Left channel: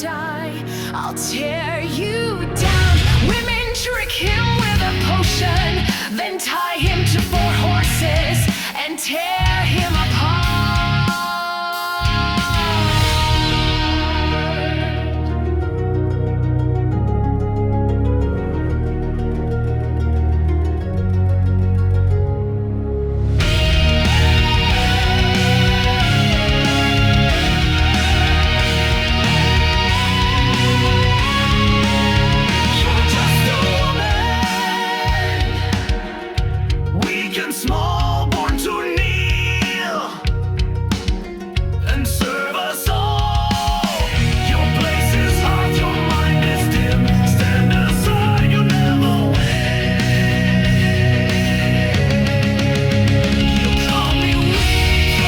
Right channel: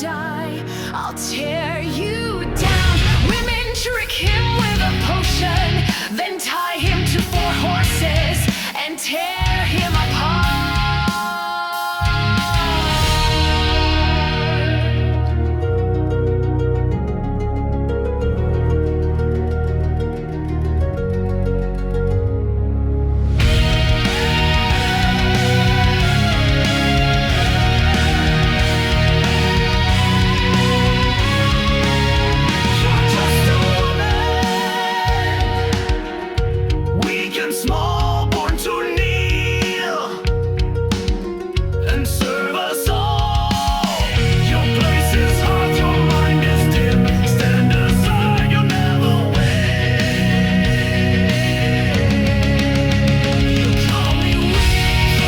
die, I'll tear you down. Women trick him with a potion, then tie him to 4 horses and tear him apart. Small, born to kneel and serve us all. Your place is hot, your mind is dim. Stand aside, you'll never win. You call me weak,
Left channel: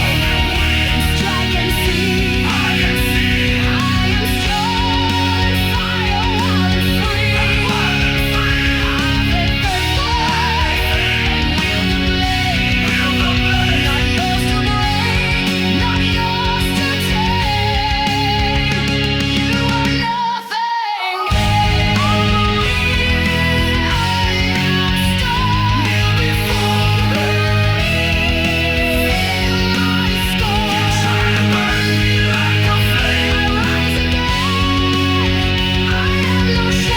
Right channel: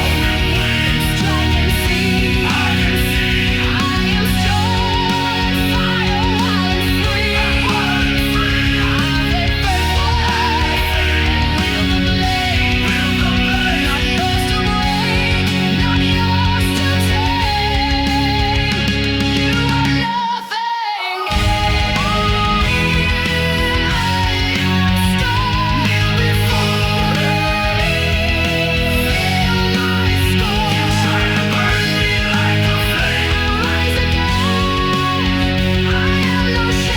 strike and see. I can see. I am strong and fire, wild and free. I've been and wield the blade. Not yours to break, not yours to tame. You are nothing. I am strong. Kneel before me. Feel my scorn. You try to burn me like a flame. I rise again. I have no shame.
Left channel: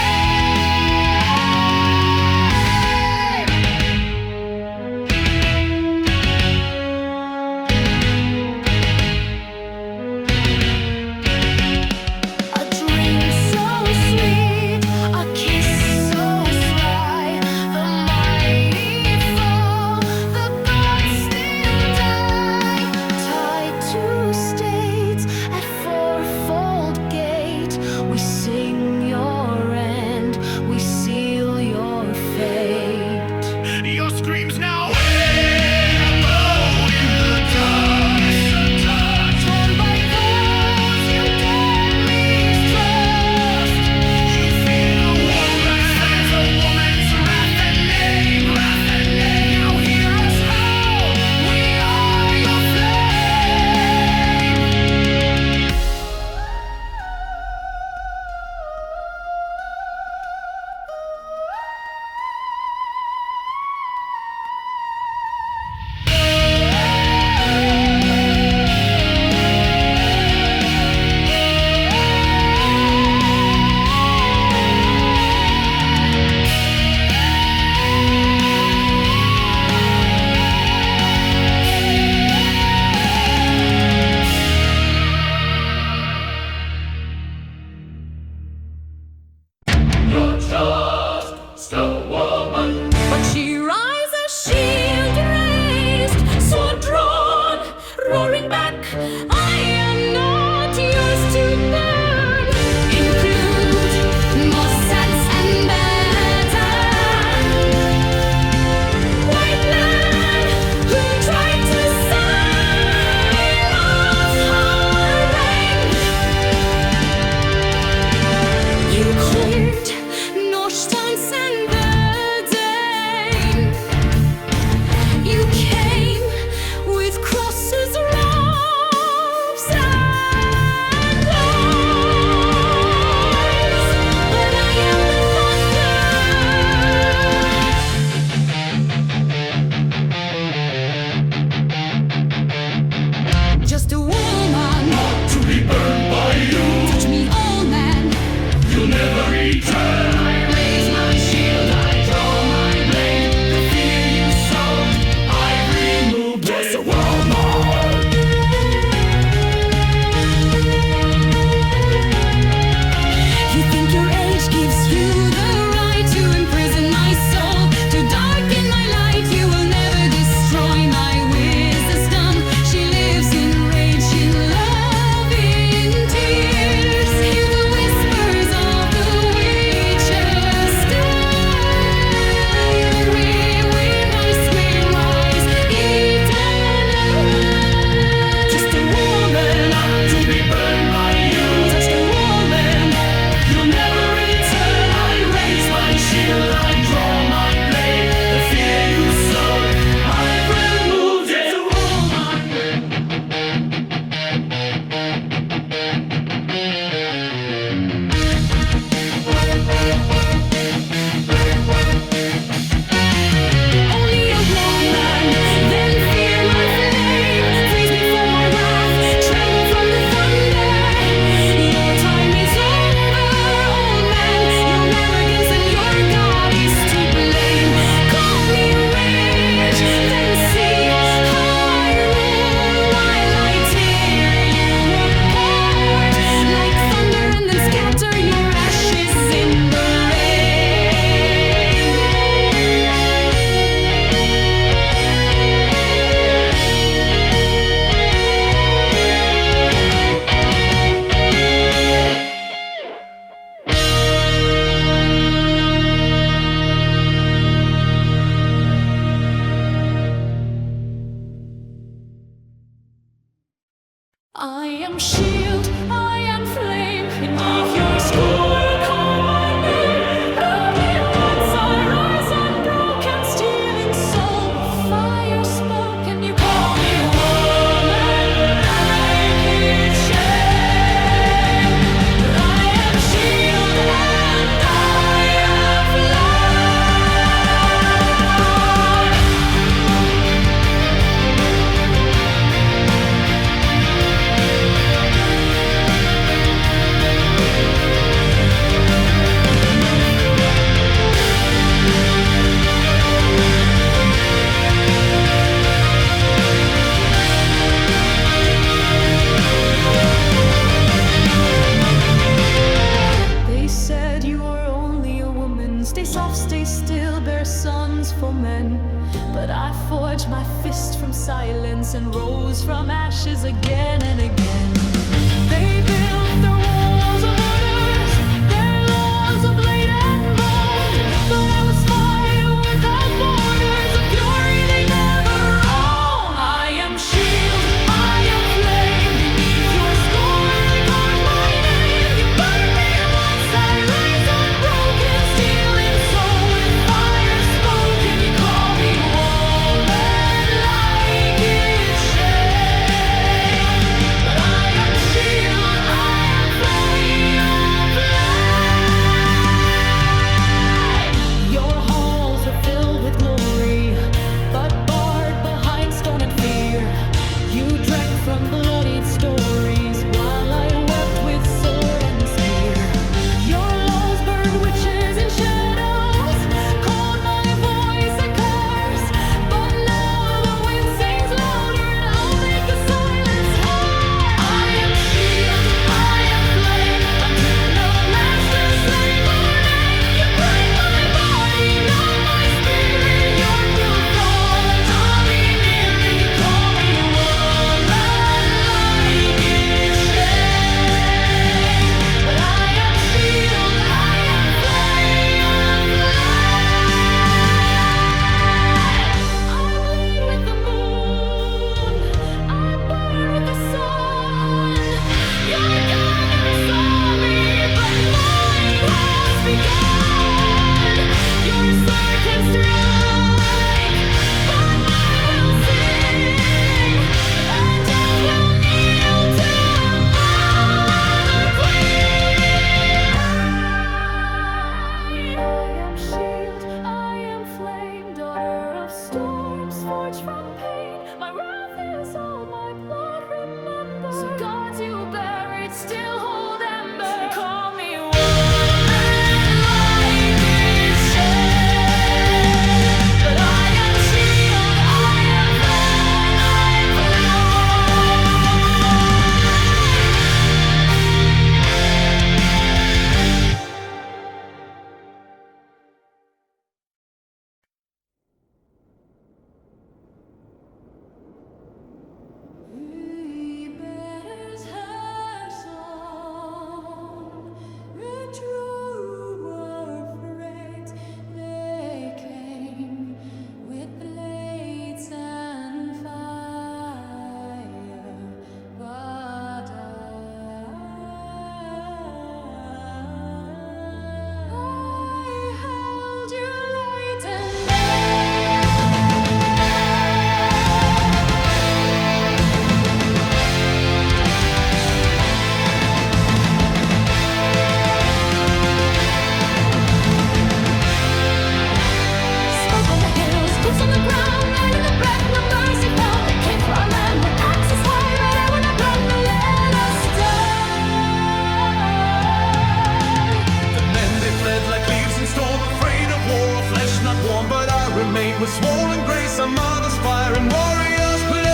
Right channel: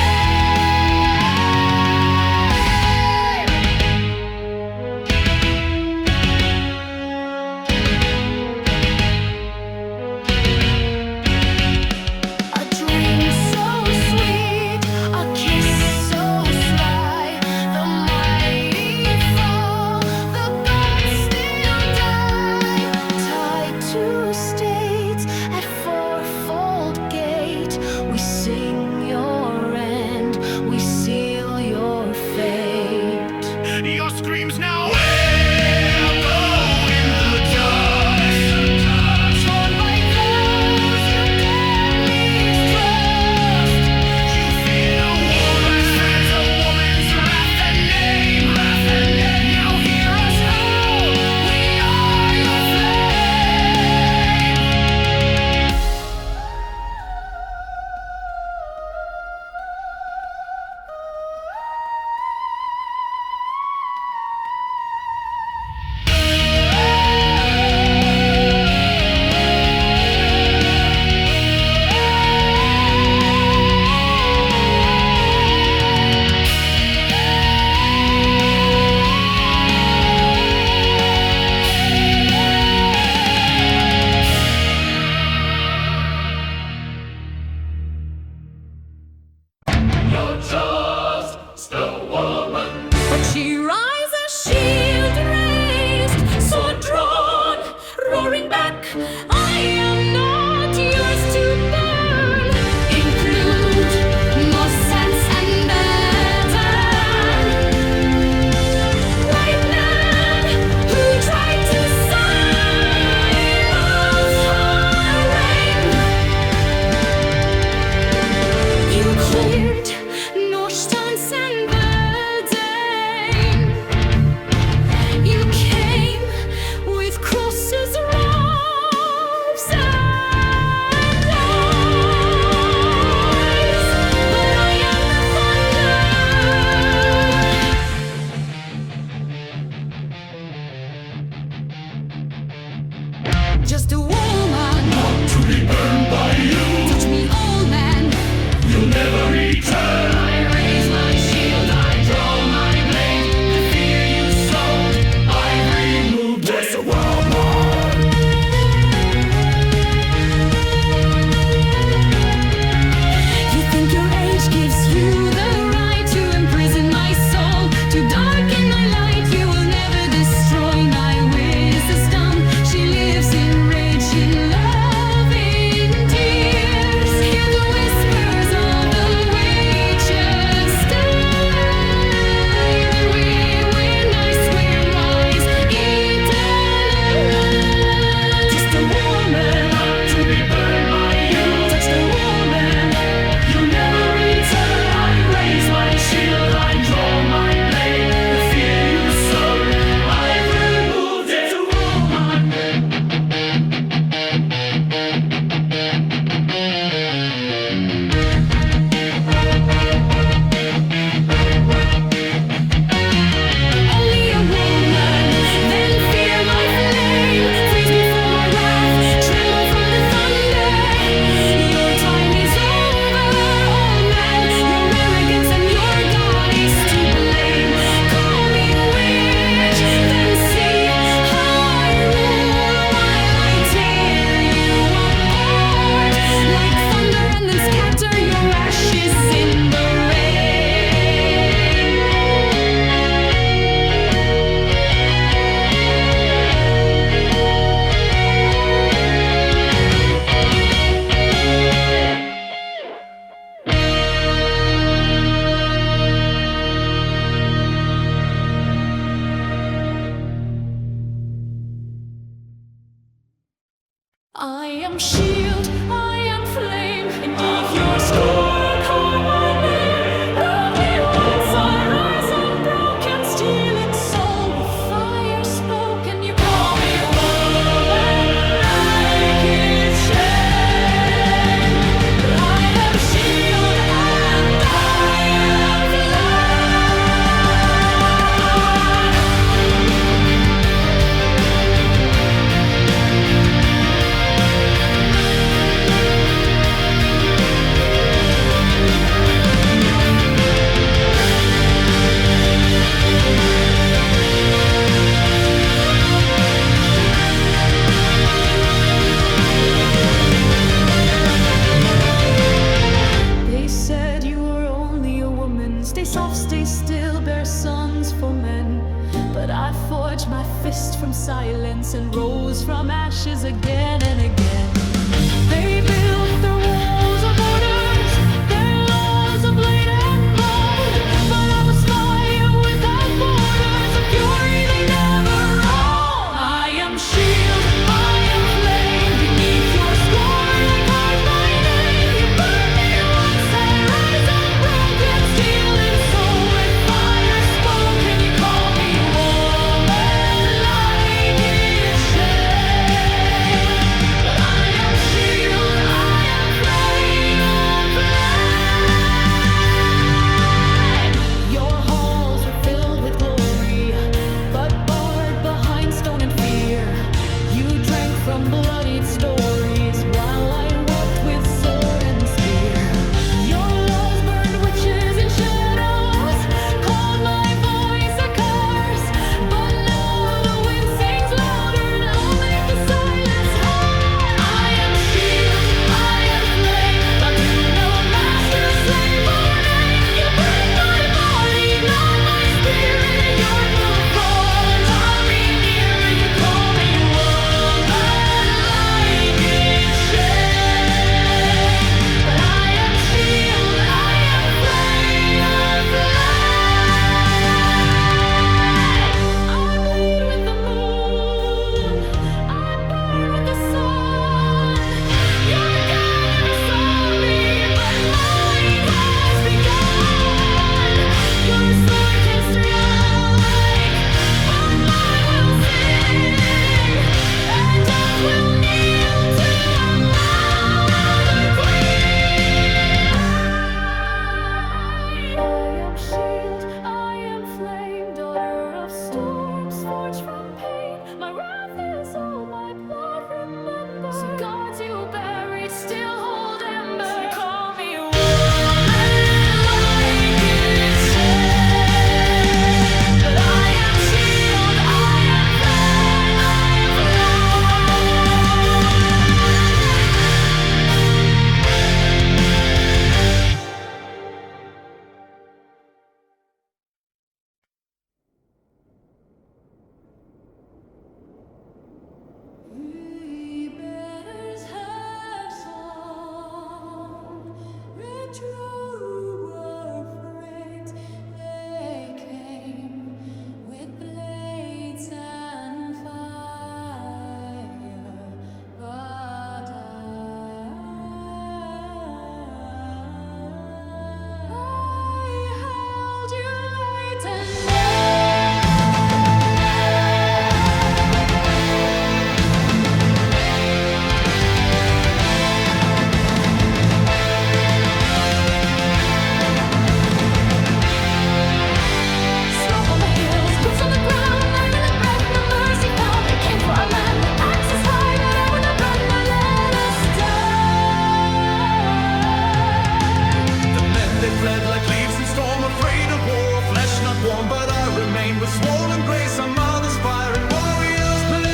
A drink so sweet, a kiss so sly. The mighty fall, the gods still die. Tied to states at 4-fold gate, we sing your end, we seal your fate. Your screams now echo in the dust. Torn by those you dead mistrust. You fear a woman, there's a woman's wrath and name. Now hear us howl, we are your flame. You're just a woman. But she rises, shield raised, sword drawn, roaring back. I am not yours to burn. Include more sense and baton. White man who tried to silence her reign. You cleared Norse dance and Verdane. You came with crosses, robes, and lies. But I am the thunder. Just a woman, Not to be burned by you. touch me, old man. You'll never return. I raise my shield, I draw my blade. The fear you sowed, I removed. Just a world man. You think your age gives you the right to imprison my soul, to darken my light. You will never destroy my wisdom. She lives in rage, in love, in tears. Hear the whispers of the witches. Either we win, ice will rise eternally. Just a woman, Not to be burned by you. touch the woman. You'll never return. I raise my shield, I draw my am shield, I am flame. Beneath your school, call my name. Love me once I rise unbroken, stealing soul with fire spoken. You call me woman, like it's shame. But I am shield and I am They said you were only a woman. Stay soft, stay still, bear sons for men. But I forged my fist from silence and rose from ashes again and again. They built their walls of orders, their lawns of blade and bone. But I was fire without borders, a fury they never own. I am shield, I am flame. Beneath your scorn I carved my name. You burn me once I rise unbroken, stealing soul with fire spoken. You call me woman, like it's shame. But I am shield, I am flame. Your halls were filled with glory, but barred behind stone and fear. You drank from bloodied stories while I wept with sword and spear. Your laws burned witches in shadows, called my voice a curse. But now the wind sings louder and I'll make the silence heard. I am shield, I am flame, bound to no master, slave or name. You break my body, not my spirit. Your will fall and I'll be near it. You call me woman, like it's shame. But I am shield, I am flame, I bleed with the moon, I burn with the sun. Your God never saw me, but mine has begun. Your sword can strike, but mine will sing, and death will kneel to another queen. I am shield, I am flame, daughter of storms, forged from pain. My wrath is all my blood, remember. So gods you buried still hold ember. You call me woman, like it's shame. But I am shield, I am flame, I am He bears her song, resurrects. They came with blades and fire, but I held you light and smoke on the hills, boots on the ground, night in the breath, no mercy found. They came for our land with axes high, but I would not run nor let us die. The men they fled like leaves in storm, afraid of war or flesh not warm. But I remain with swollen grace, a mother's fire in warrior's place.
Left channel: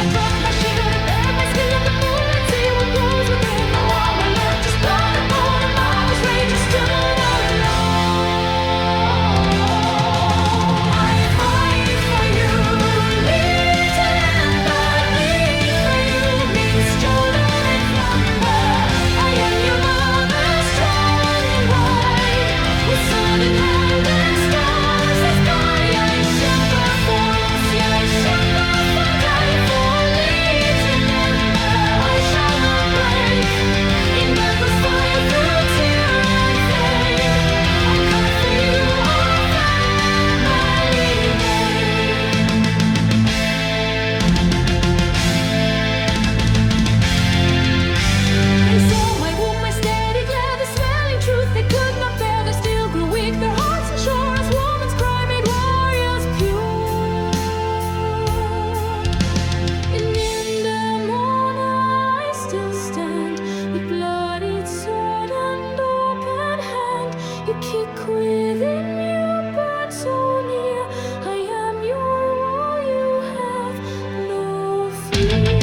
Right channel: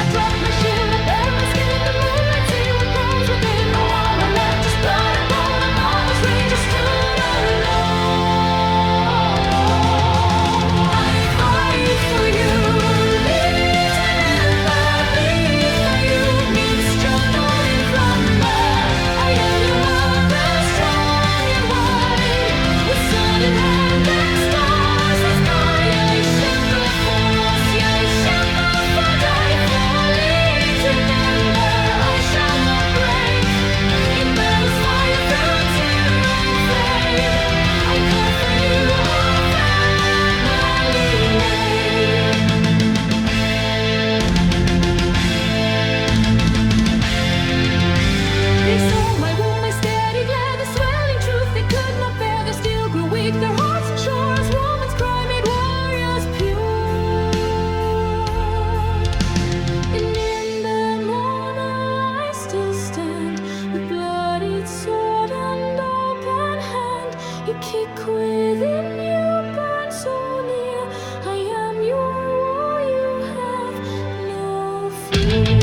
I dropped my shield, I bared my skin, let the moonlight see what grows within. No armor left, just blood and bone. A mother's rage, I stood alone. I fight for you, Liten Ember, bleed for you, minst skjold min flamme. I am your mother, strong and wide, with sword in hand and stars. You kick within you, burn so near. I am your wall, you have no fear.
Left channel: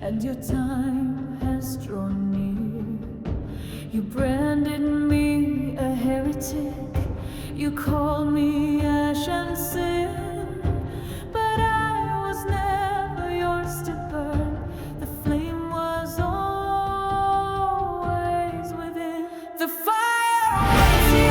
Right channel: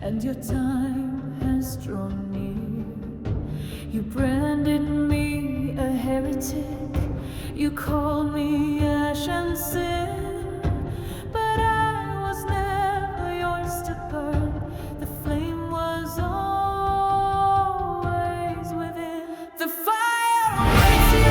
And your time has drawn near. You branded me a heretic. You called me ash and sin. But I was never yours to burn. The flame was always within. The fire awaits you.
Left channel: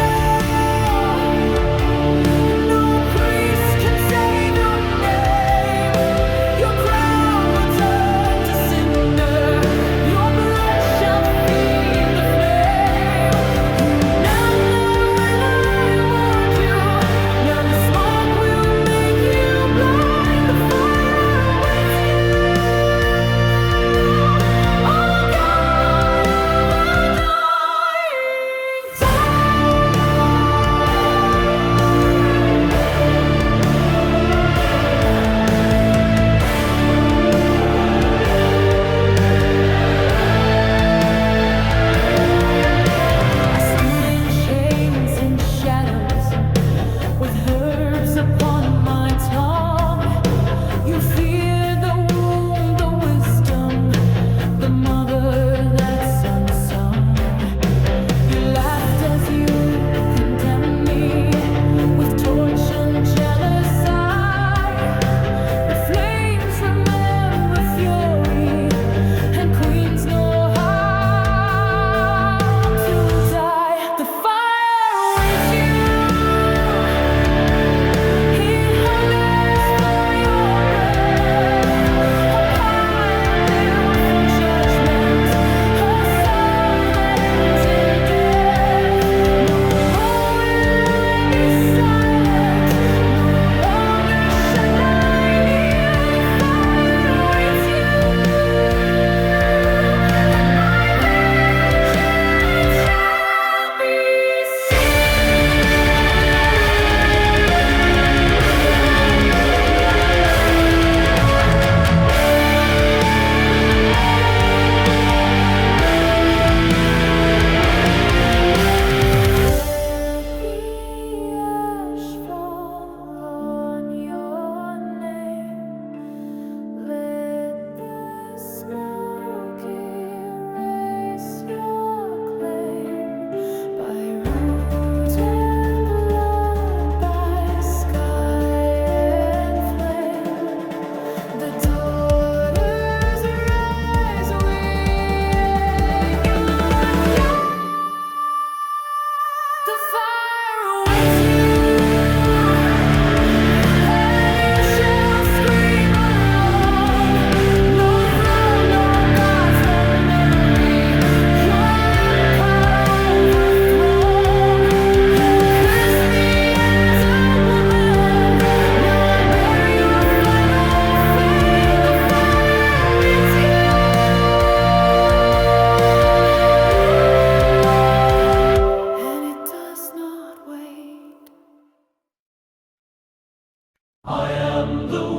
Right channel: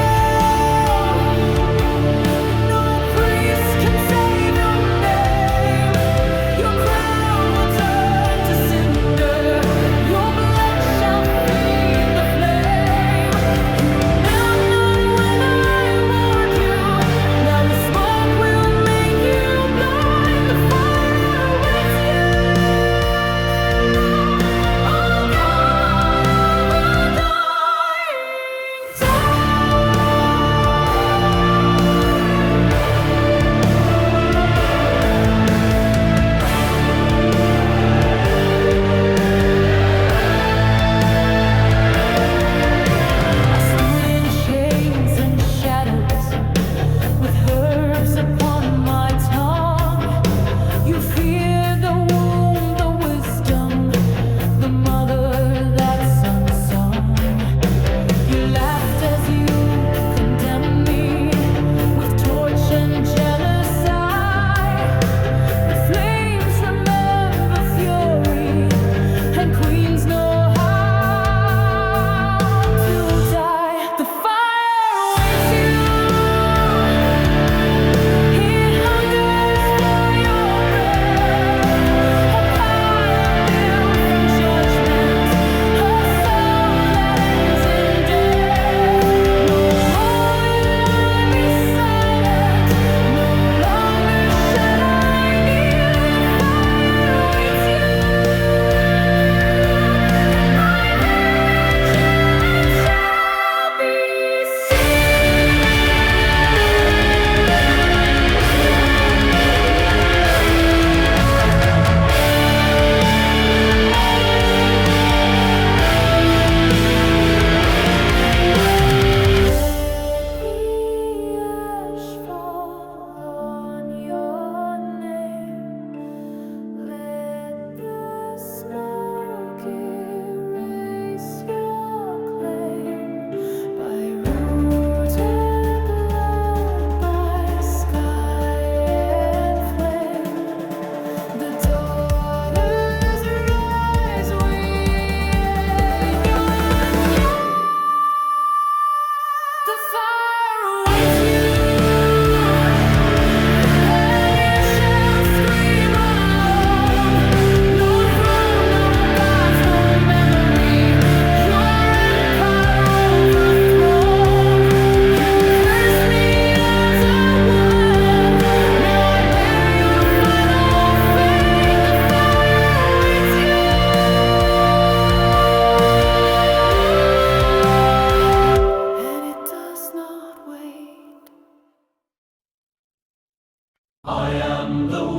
With herbs upon my tongue, you feared the womb, the wisdom, the mother that's unsung. You laughed as you condemned me with torch and jealous eye. But flames remember fury, and queens know how to die. The fire awaits you.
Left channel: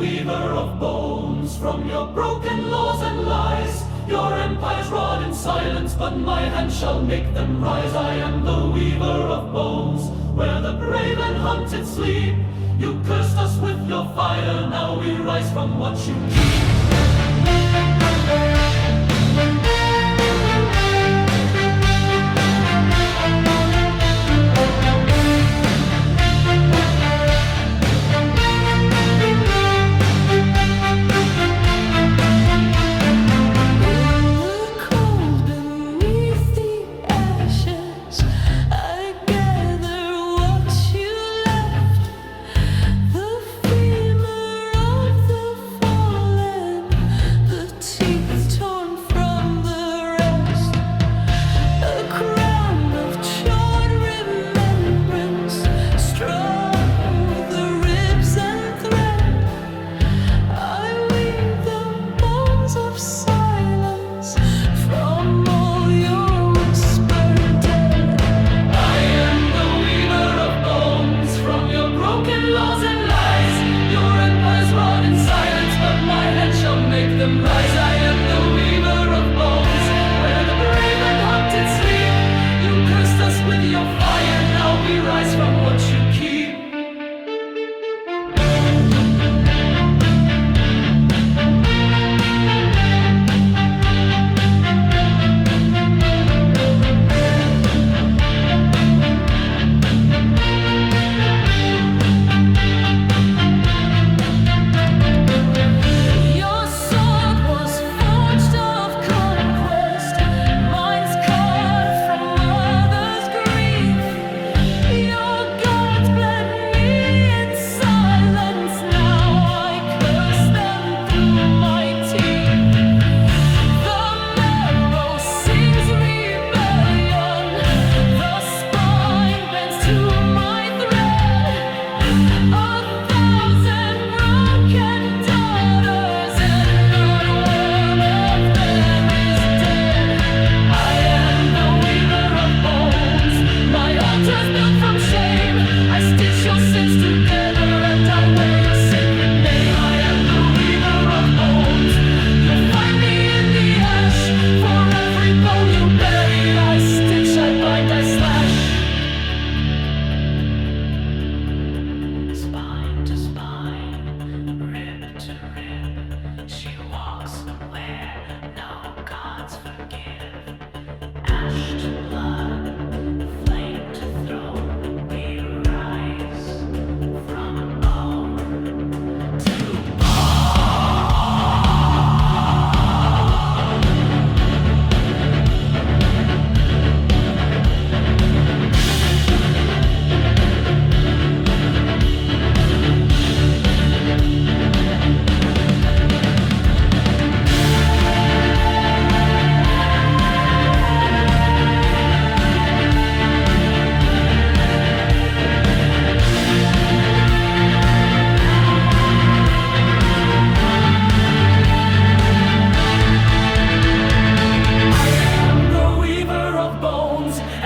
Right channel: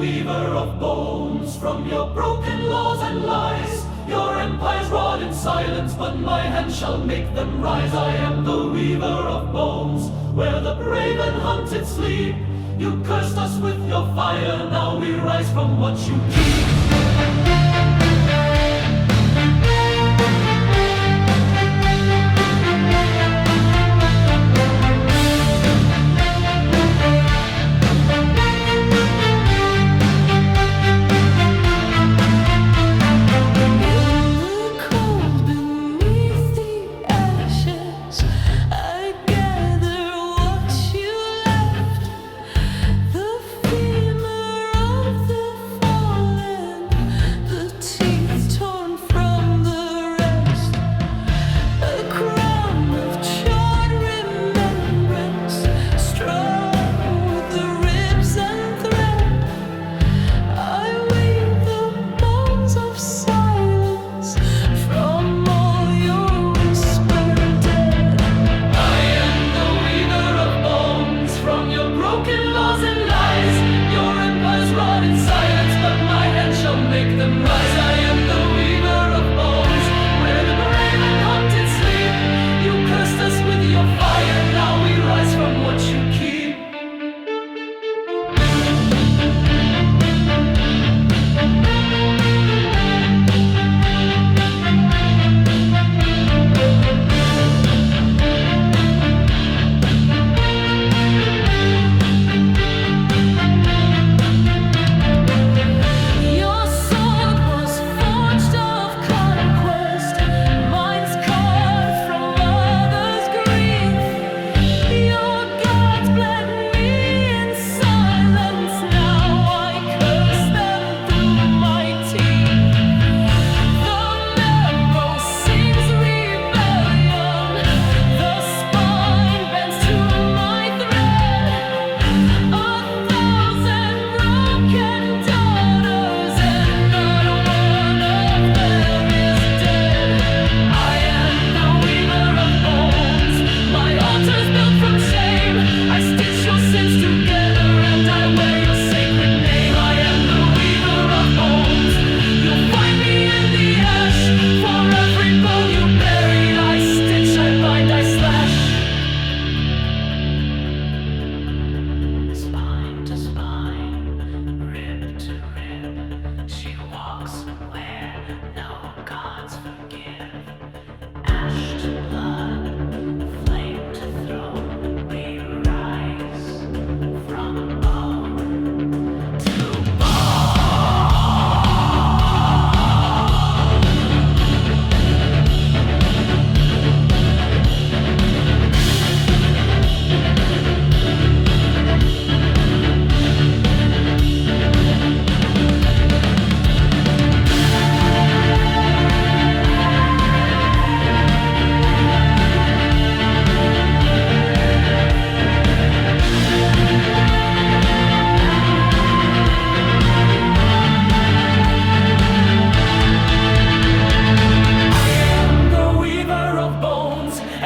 weaver of bones. From your broken laws and lies, your empires rot in silence, but my hand shall make them rise. I am the weaver of bones, where the brave and hunted sleep. You cursed us with your fire, now we rise from what you keep. Make them rise. I am the weaver of bones, where the brave and hunted sleep. You cursed us with your fire, now we rise from what you keep.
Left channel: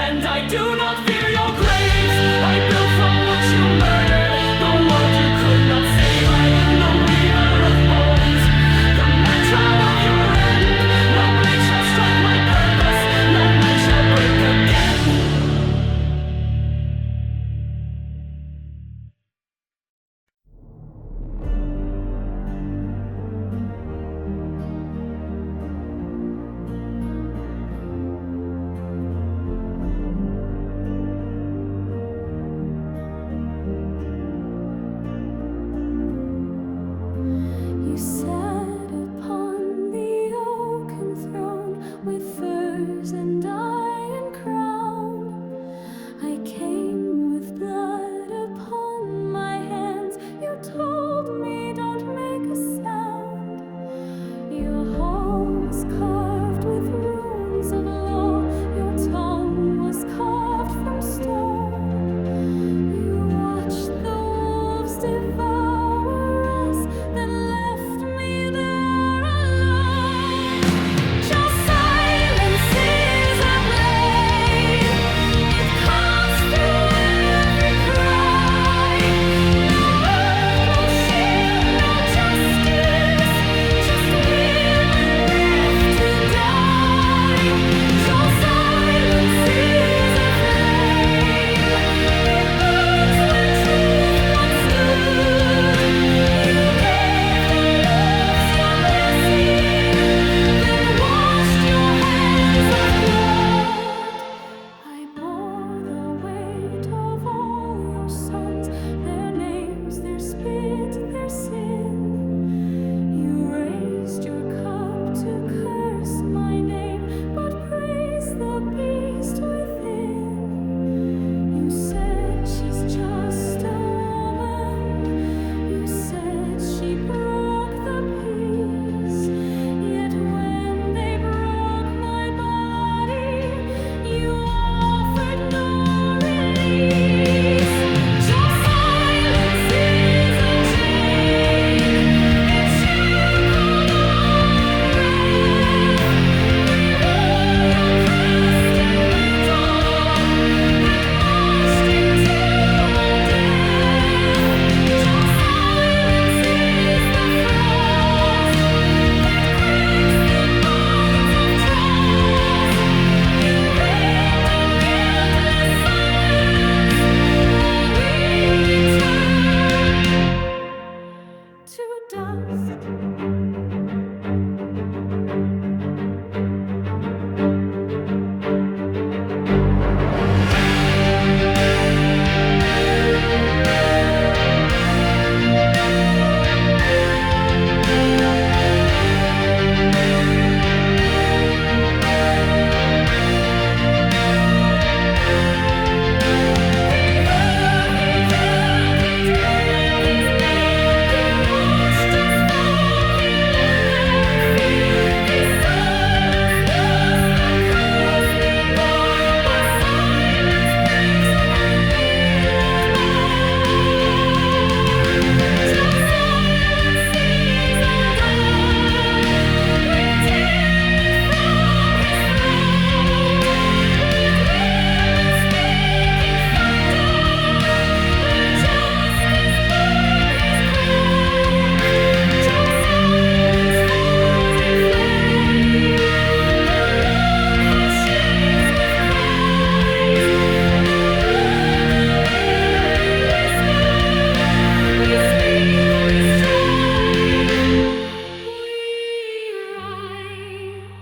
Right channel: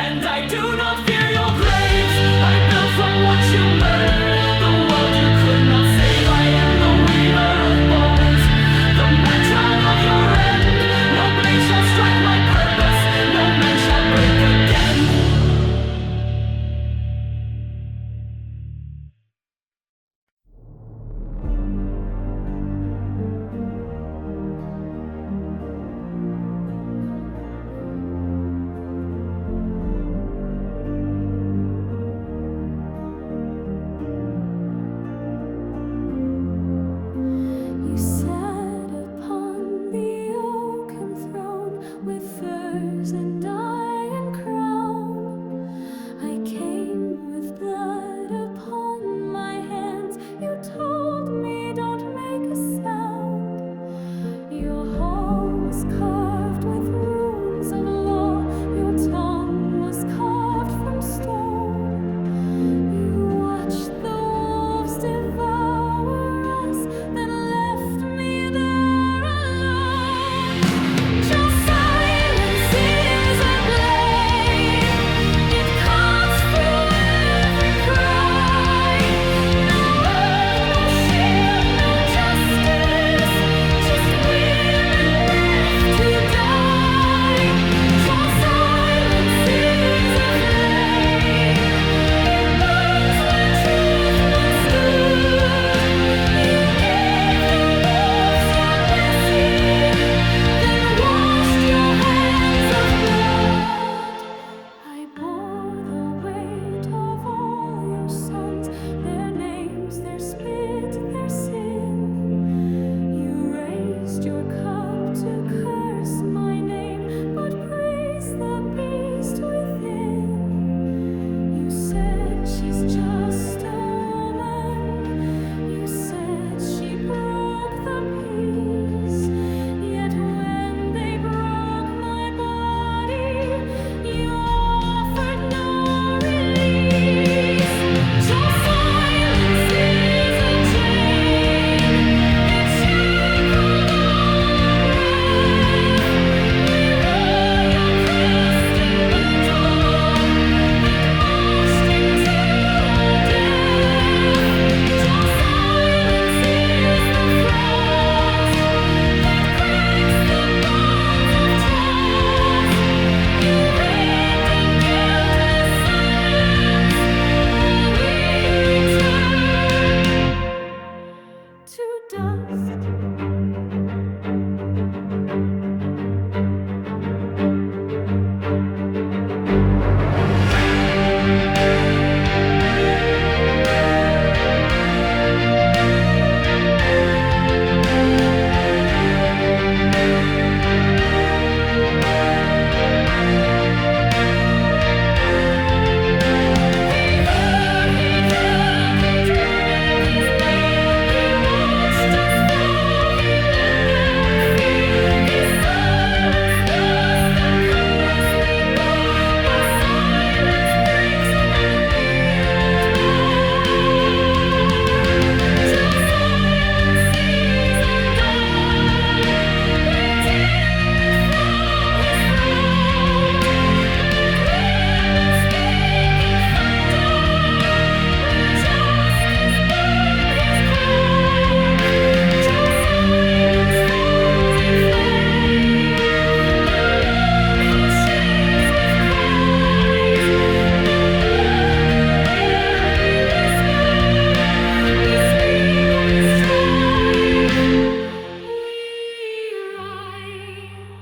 And I do not fear your graves. I built from what you murdered, the world you could not save. I am the weaver of bones, the matron of your end. No blade shall strike my purpose, no man shall break again. You sat upon the oaken throne with furs and iron crown. I came with blood upon my hands. You told me don't make a sound. Your hall was carved with runes of law. Your tongue was carved from stone. You watched the wolves devour us, then left me You said she's just a woman. You said she broke the peace. Yet when they broke my body, you offered no release. Your silence is a chain. It shackled all our breath. We wore your crest in battle and marched into our death. Your silence is the frost that cracks the bones of trust. You reigned in guiltless silence while we return to dust. He heard, he drank, his meat. He watched us fall, he let them feed. His silence was the curse we bore, but silence breaks, and we want more. Your silence is undone. We tear it from his throat. Let women speak in thunder. Let justice burn his cloak. Your silence falls in flame. The long house shakes with cries. No longer will we whisper. We speak, we strive, we rise.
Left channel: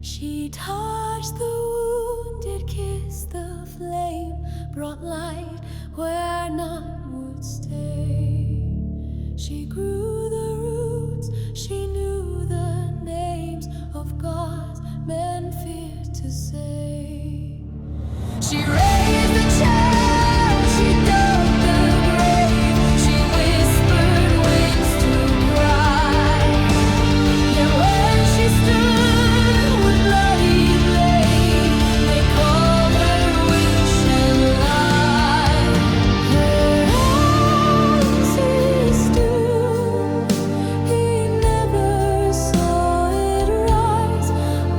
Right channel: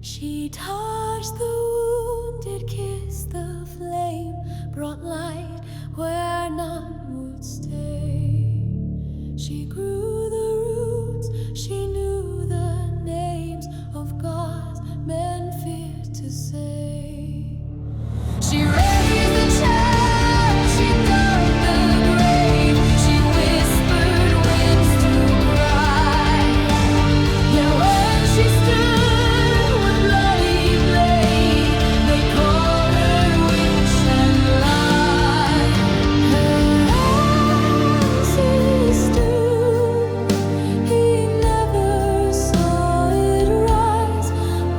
She touched the wounded, kissed the flame, brought light where none would stay. She grew the roots, she knew the names of gods men feared to say. She raised the child, she dug the grave, she whispered winds to cry. Yet when she stood with bloody blade, they called her witch and lie. Her ancestor, he never saw it rise,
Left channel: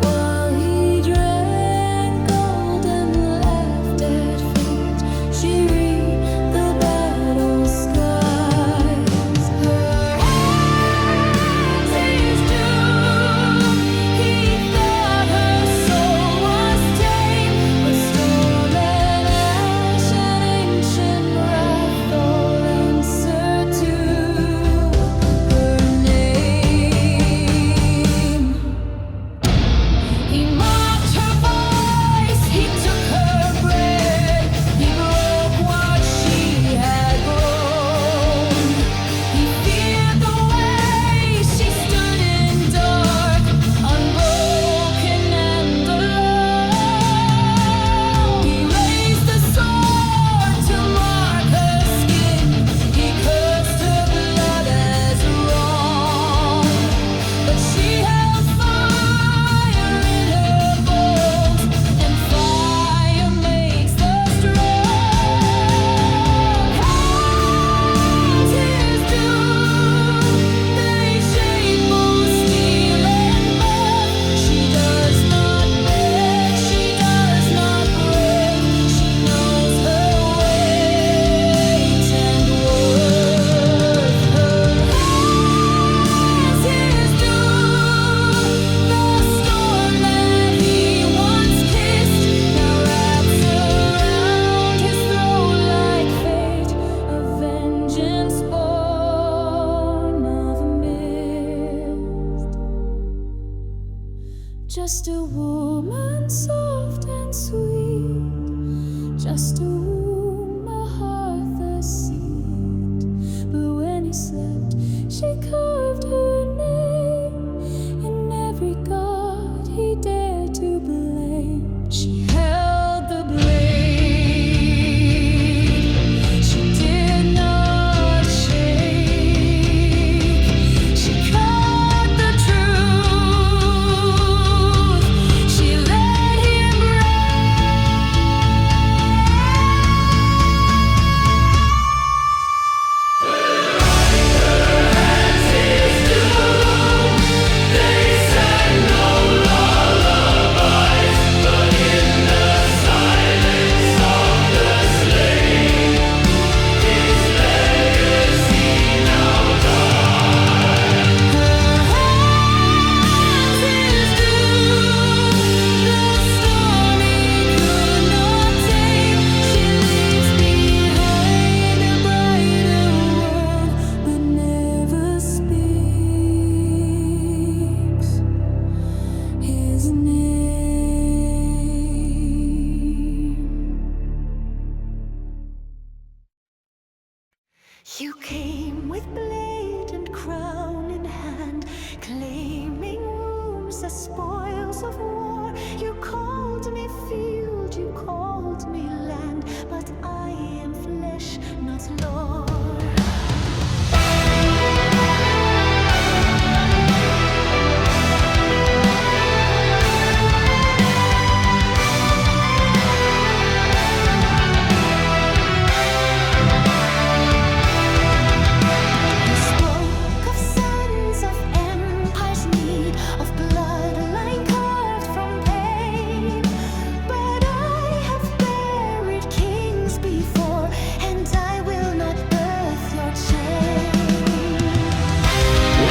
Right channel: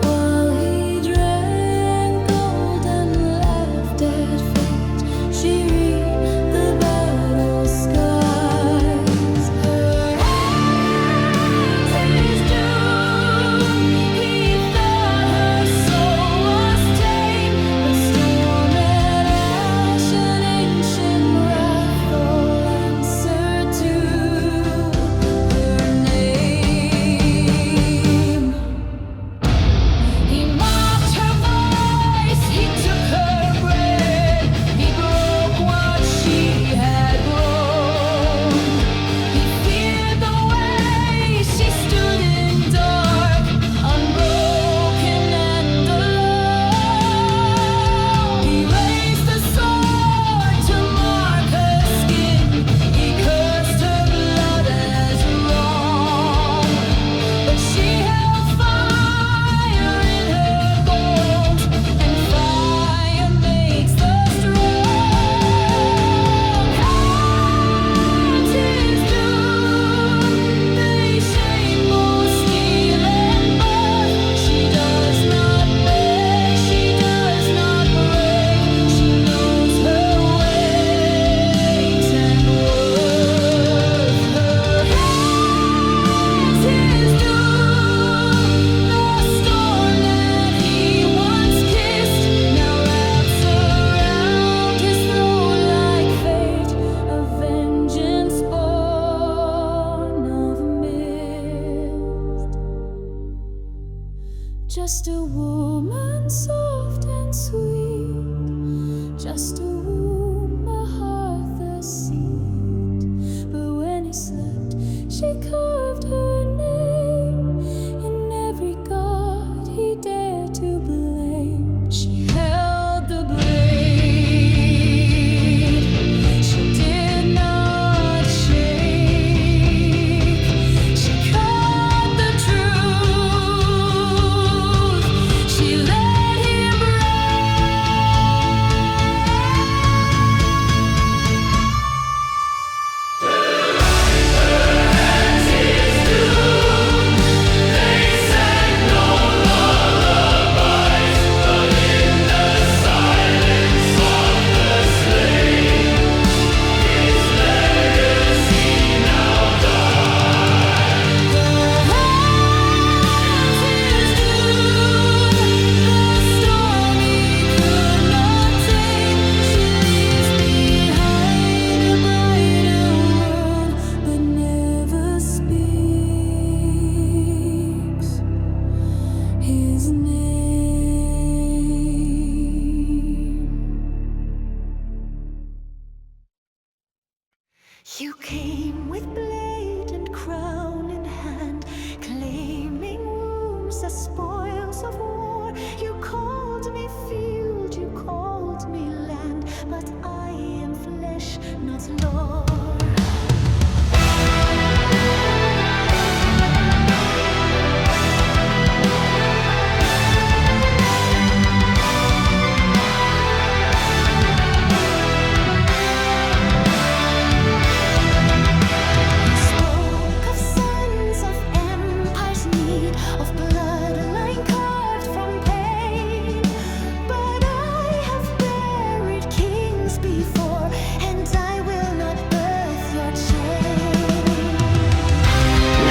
while he drank gold and laughed at fate. She read the battle skies. Her hands his doom. He thought her soul was tame, but storm and ash and ancient wrath all answered to her name. He mocked her voice, he took her bread, he broke what she had grown. He feared the way she stood in dark, unbroken and alone. He raised the sword to mark her skin, he cursed her blood as wrong. But she held fire in her bones, and fire makes the strong. Hands his doom, they shape both steel and buff. She does not beg, she does not break, she knows her weight and worth. Her hands his doom, the storm that he once kissed now wraps around his throat like fate, a vengeance born of mist. Just a woman soft and sweet, just a womb, a hearth, a seat. But when he slept, she carved her name yours as spoils of war. You called me field, you called me land, but I am flesh, not lore.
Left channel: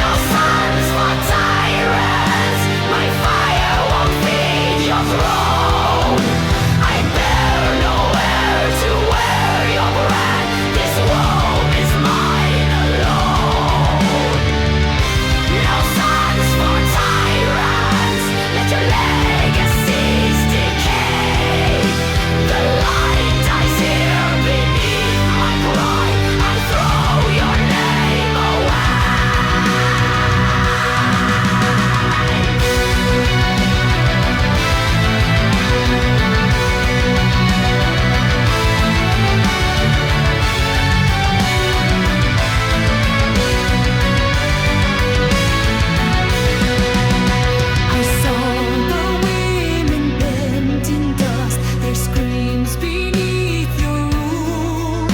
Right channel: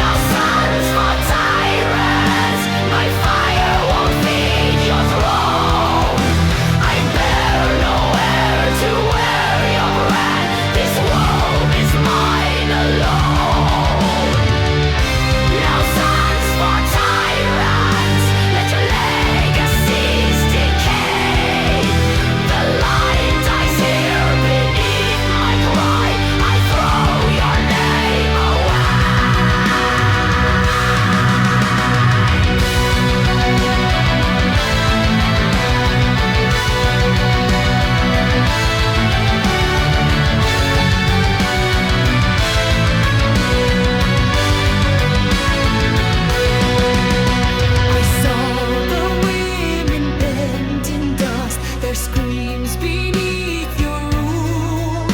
No sons for tyrants, my fire won't feed your throne. I bear no heir to wear your brand, this womb is mine alone. No sons for tyrants, let your legacies decay. The line dies here beneath my cry, I throw your name away. I saw the women bent in dust, their screams beneath your rule.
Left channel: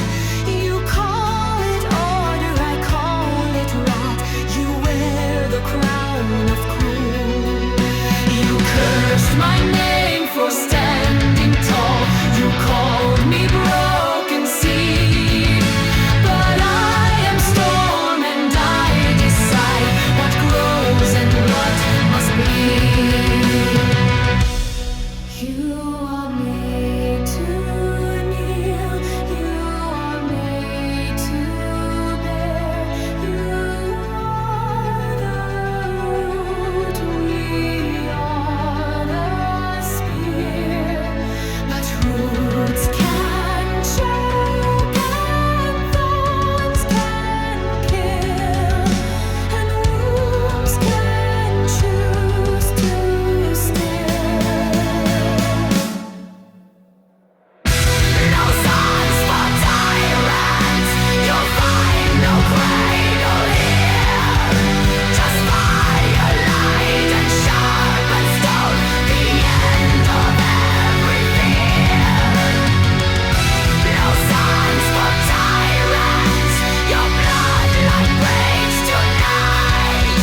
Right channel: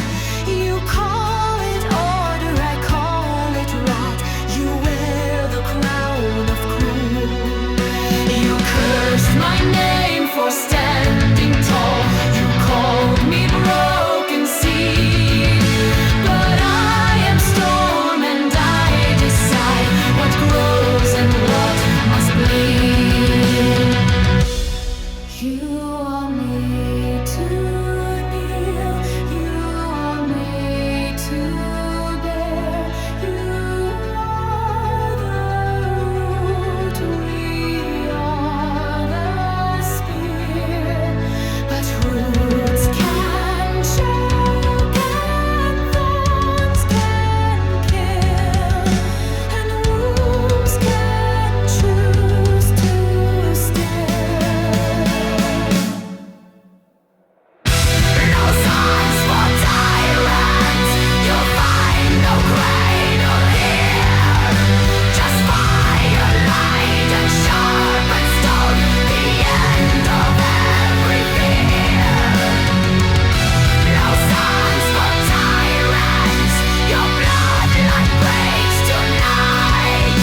You call it order, I call it rot. You wear the crown of cruel. You cursed my name for standing tall. You called me broken seed. But I am storm and I decide what grows and what must bleed. You are made to kneel, you are made to bear. You are the root, we are the spear. But roots can choke and thorns can kill, and wombs can choose to stay. No sons for tyrants, you'll find no cradle here. Just fire, light and sharpened stone, the end of every fear. No sons for tyrants, your bloodline breaks tonight.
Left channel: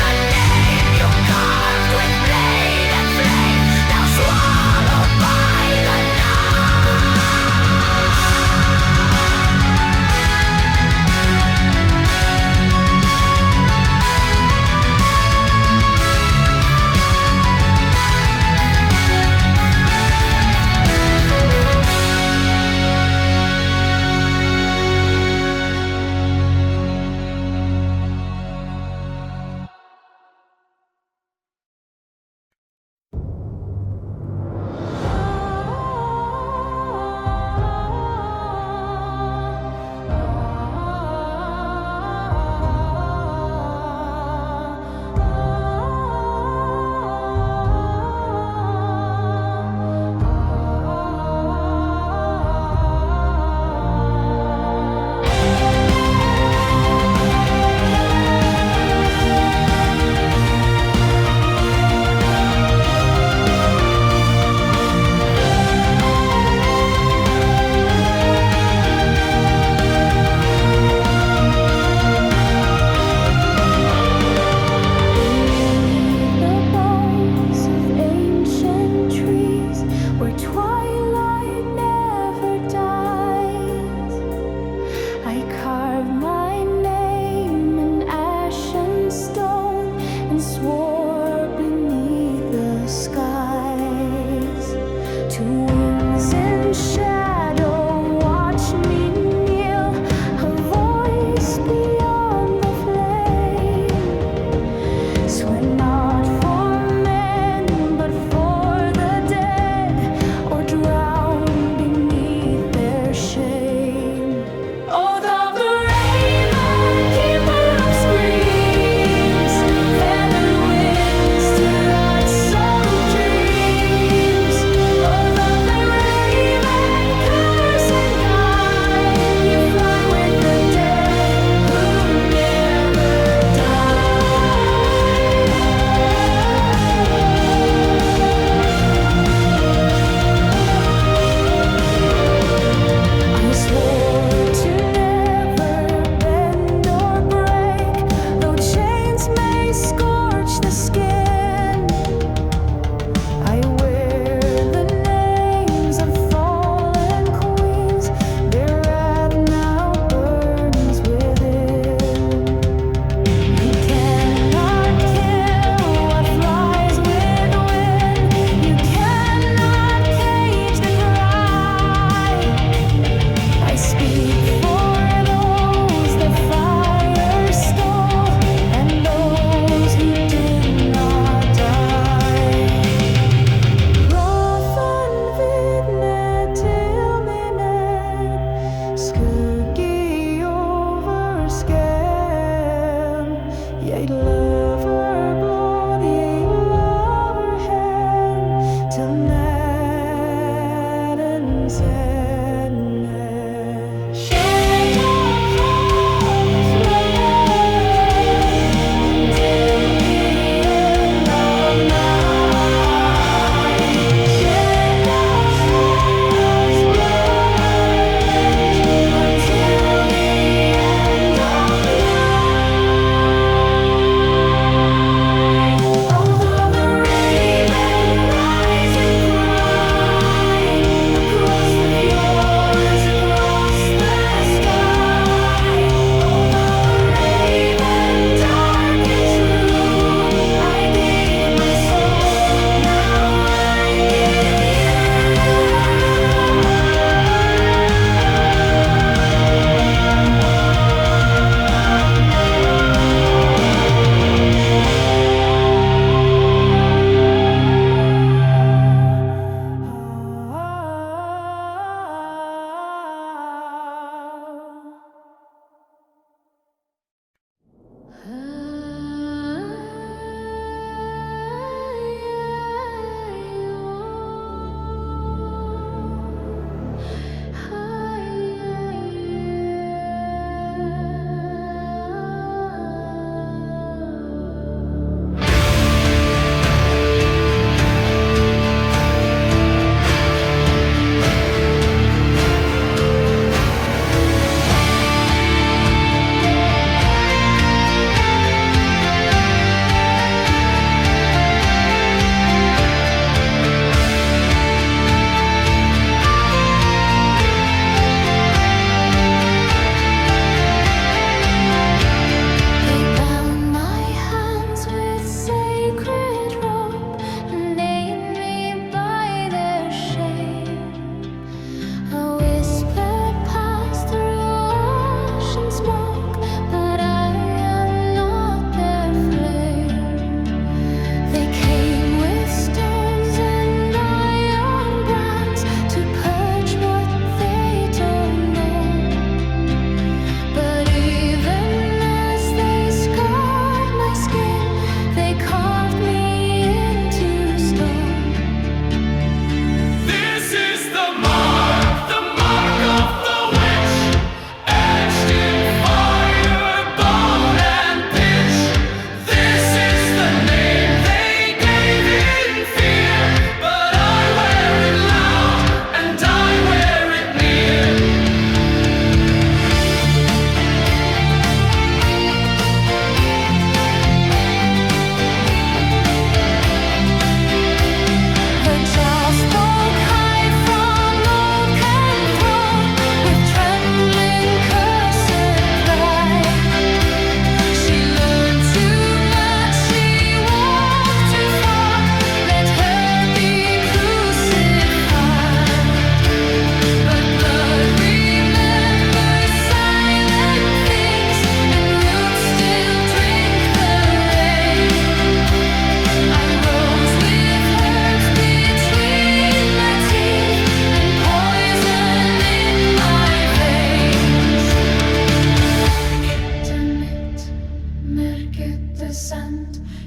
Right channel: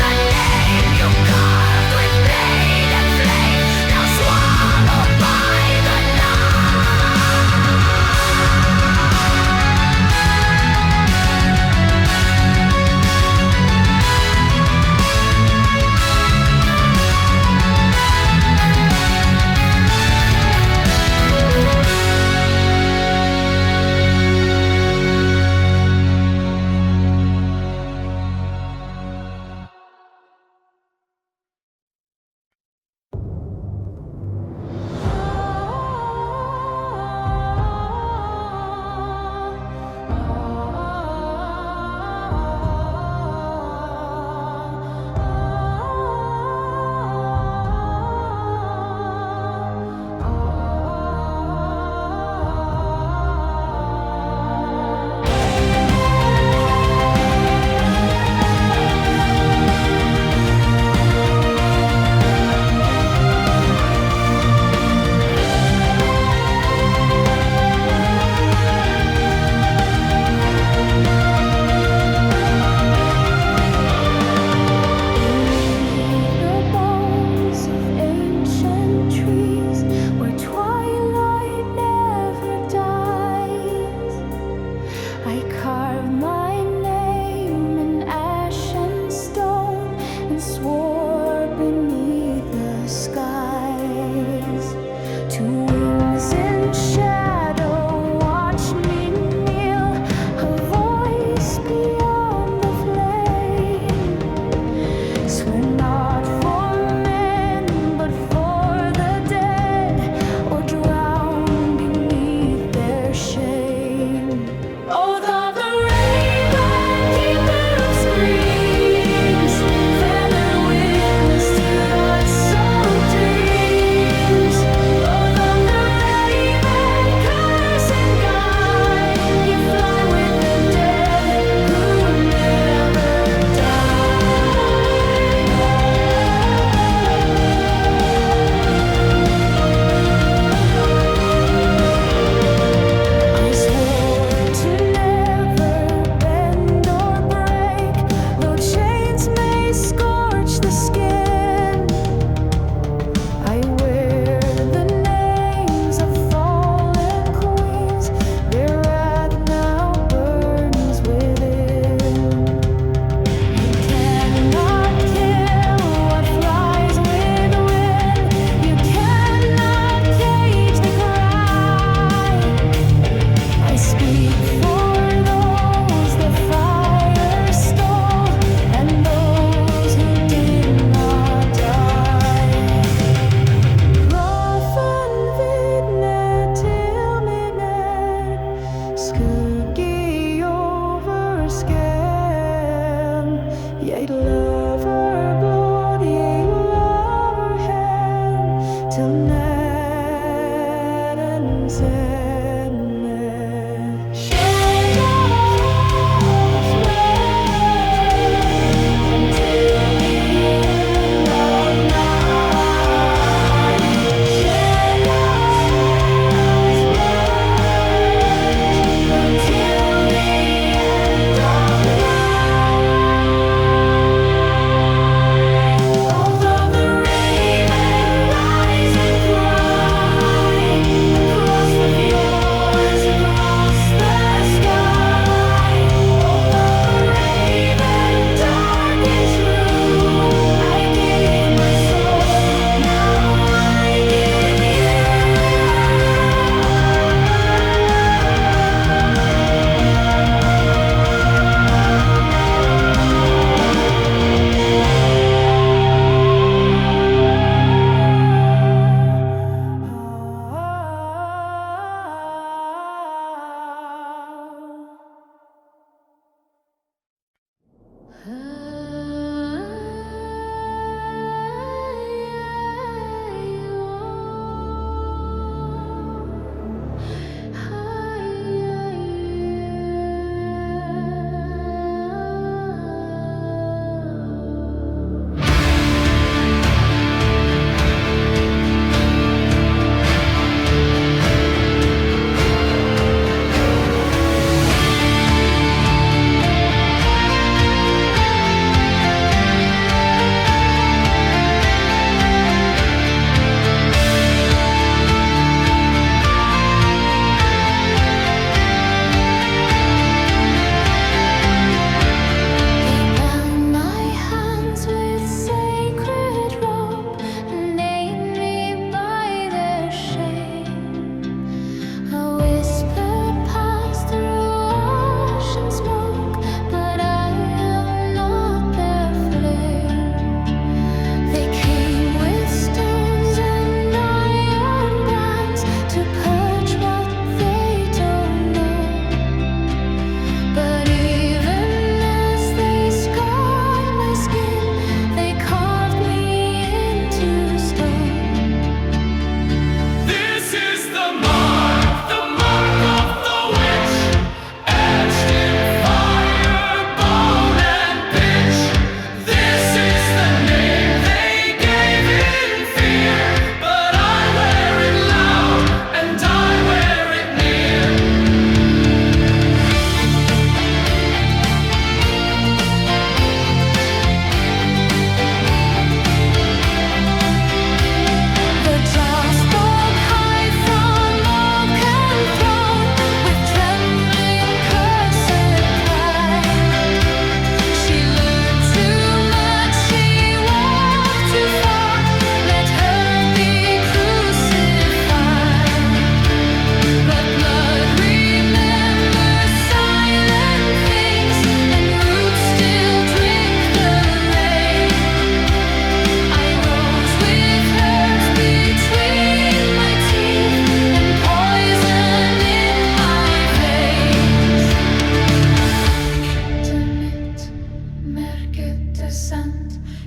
The name you carved with blade and flame, now swallowed by the night. To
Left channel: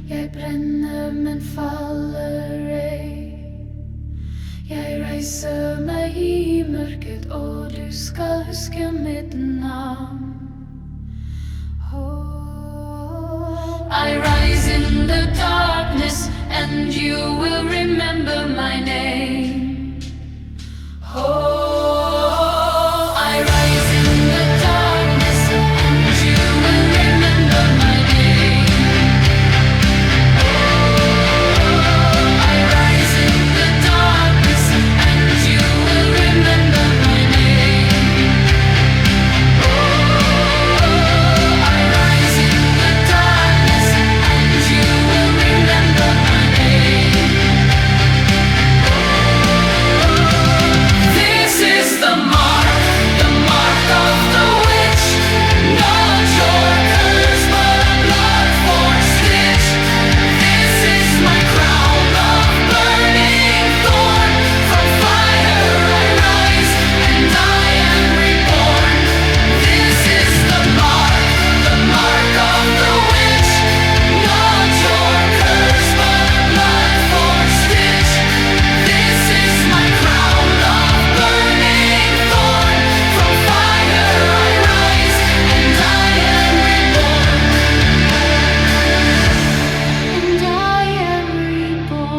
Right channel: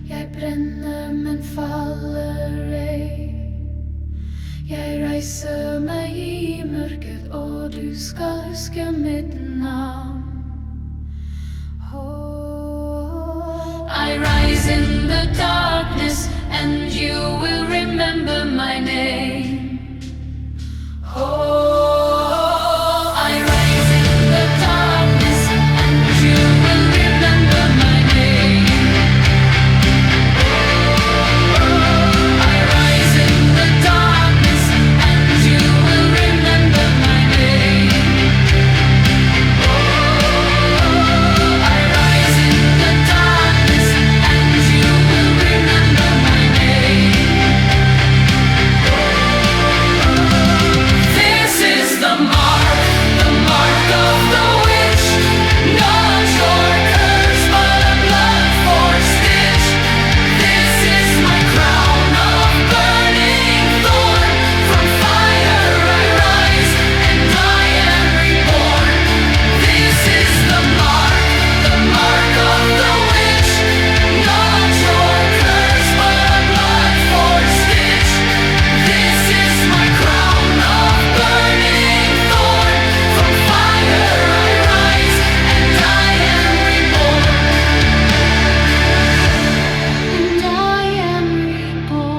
Jeg brenner, men faller ei. Jeg reiser meg i mørket, og du skal huske mitt navn. Oh, I rise in the darkness, and you will remember my name. Oh, I rise in the darkness, and you will remember my name. Oh, I rise in the darkness, and you will remember my name. Oh, I rise in the darkness, and you will remember my name. This is the mark of the witch. Not your curse, but a blood-forged stitch. This is my crown of burning thorn. From fire I rise, and I am reborn. This is the mark of the witch. Not your curse, but a blood-forged stitch. This is my crown of burning thorn. From fire I rise, and I am reborn. And I am reborn.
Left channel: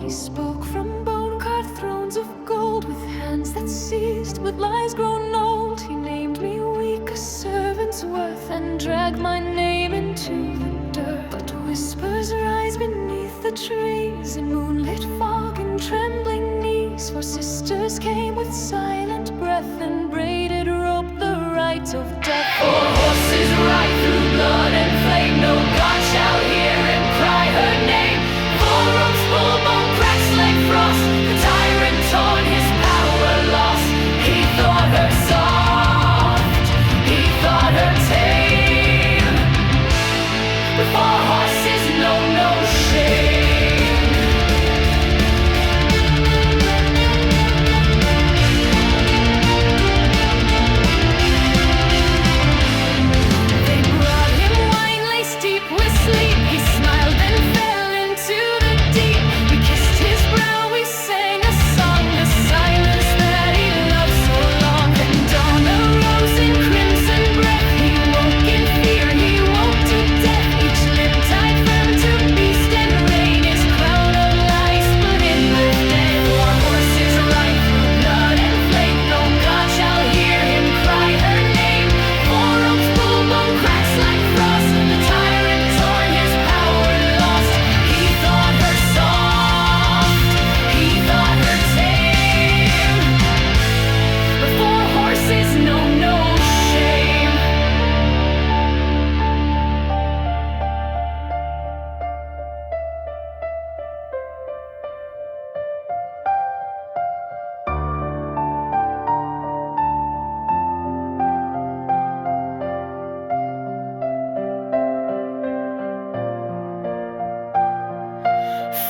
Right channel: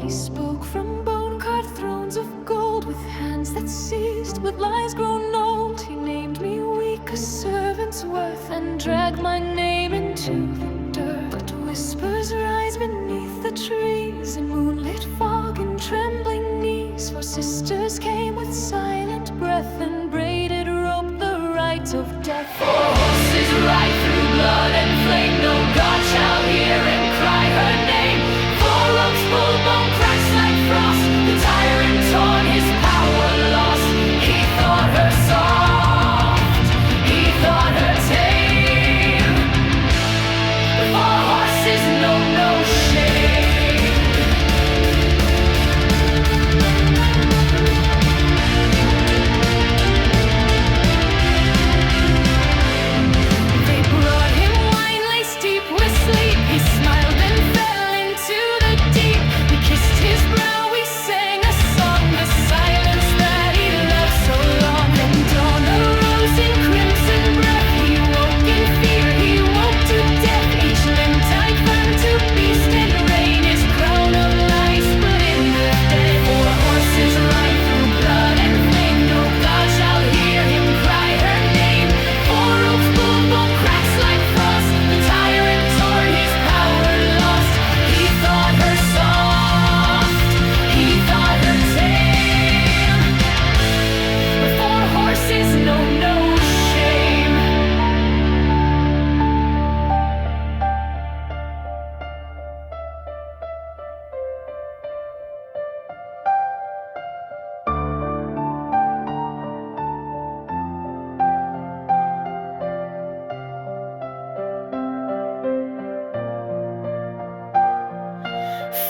He spoke from bone-carved thrones of gold, with hands that seized, with lies grown old. He named me weak, a servant's worth, and dragged my name into the dirt. But whispers rise beneath the trees, in moonlit fog and trembling knees. For sisters came with silent breath, and braided rope the right of death. For horses ride through blood and flame, no God shall hear him cry her name. For ropes pull, bone cracks like frost, the tyrant torn, his power lost. He thought her soft, he thought her tame, but for horses know no shame. They brought him wine laced deep with sleep. He smiled and fell into the deep. We kissed his brow, we sang a song, the silence that he loved so long. Then dawn arose in crimson breath. He woke in fear, he woke to death. Each limb tied firm to beast and rain. His crown of lies split in the dead. For horses ride through blood and flame, no God shall hear him cry her name. For ropes pull, bone cracks like frost, the tyrant torn, his power lost. He thought her soft, he thought her tame, but for horses know no shame.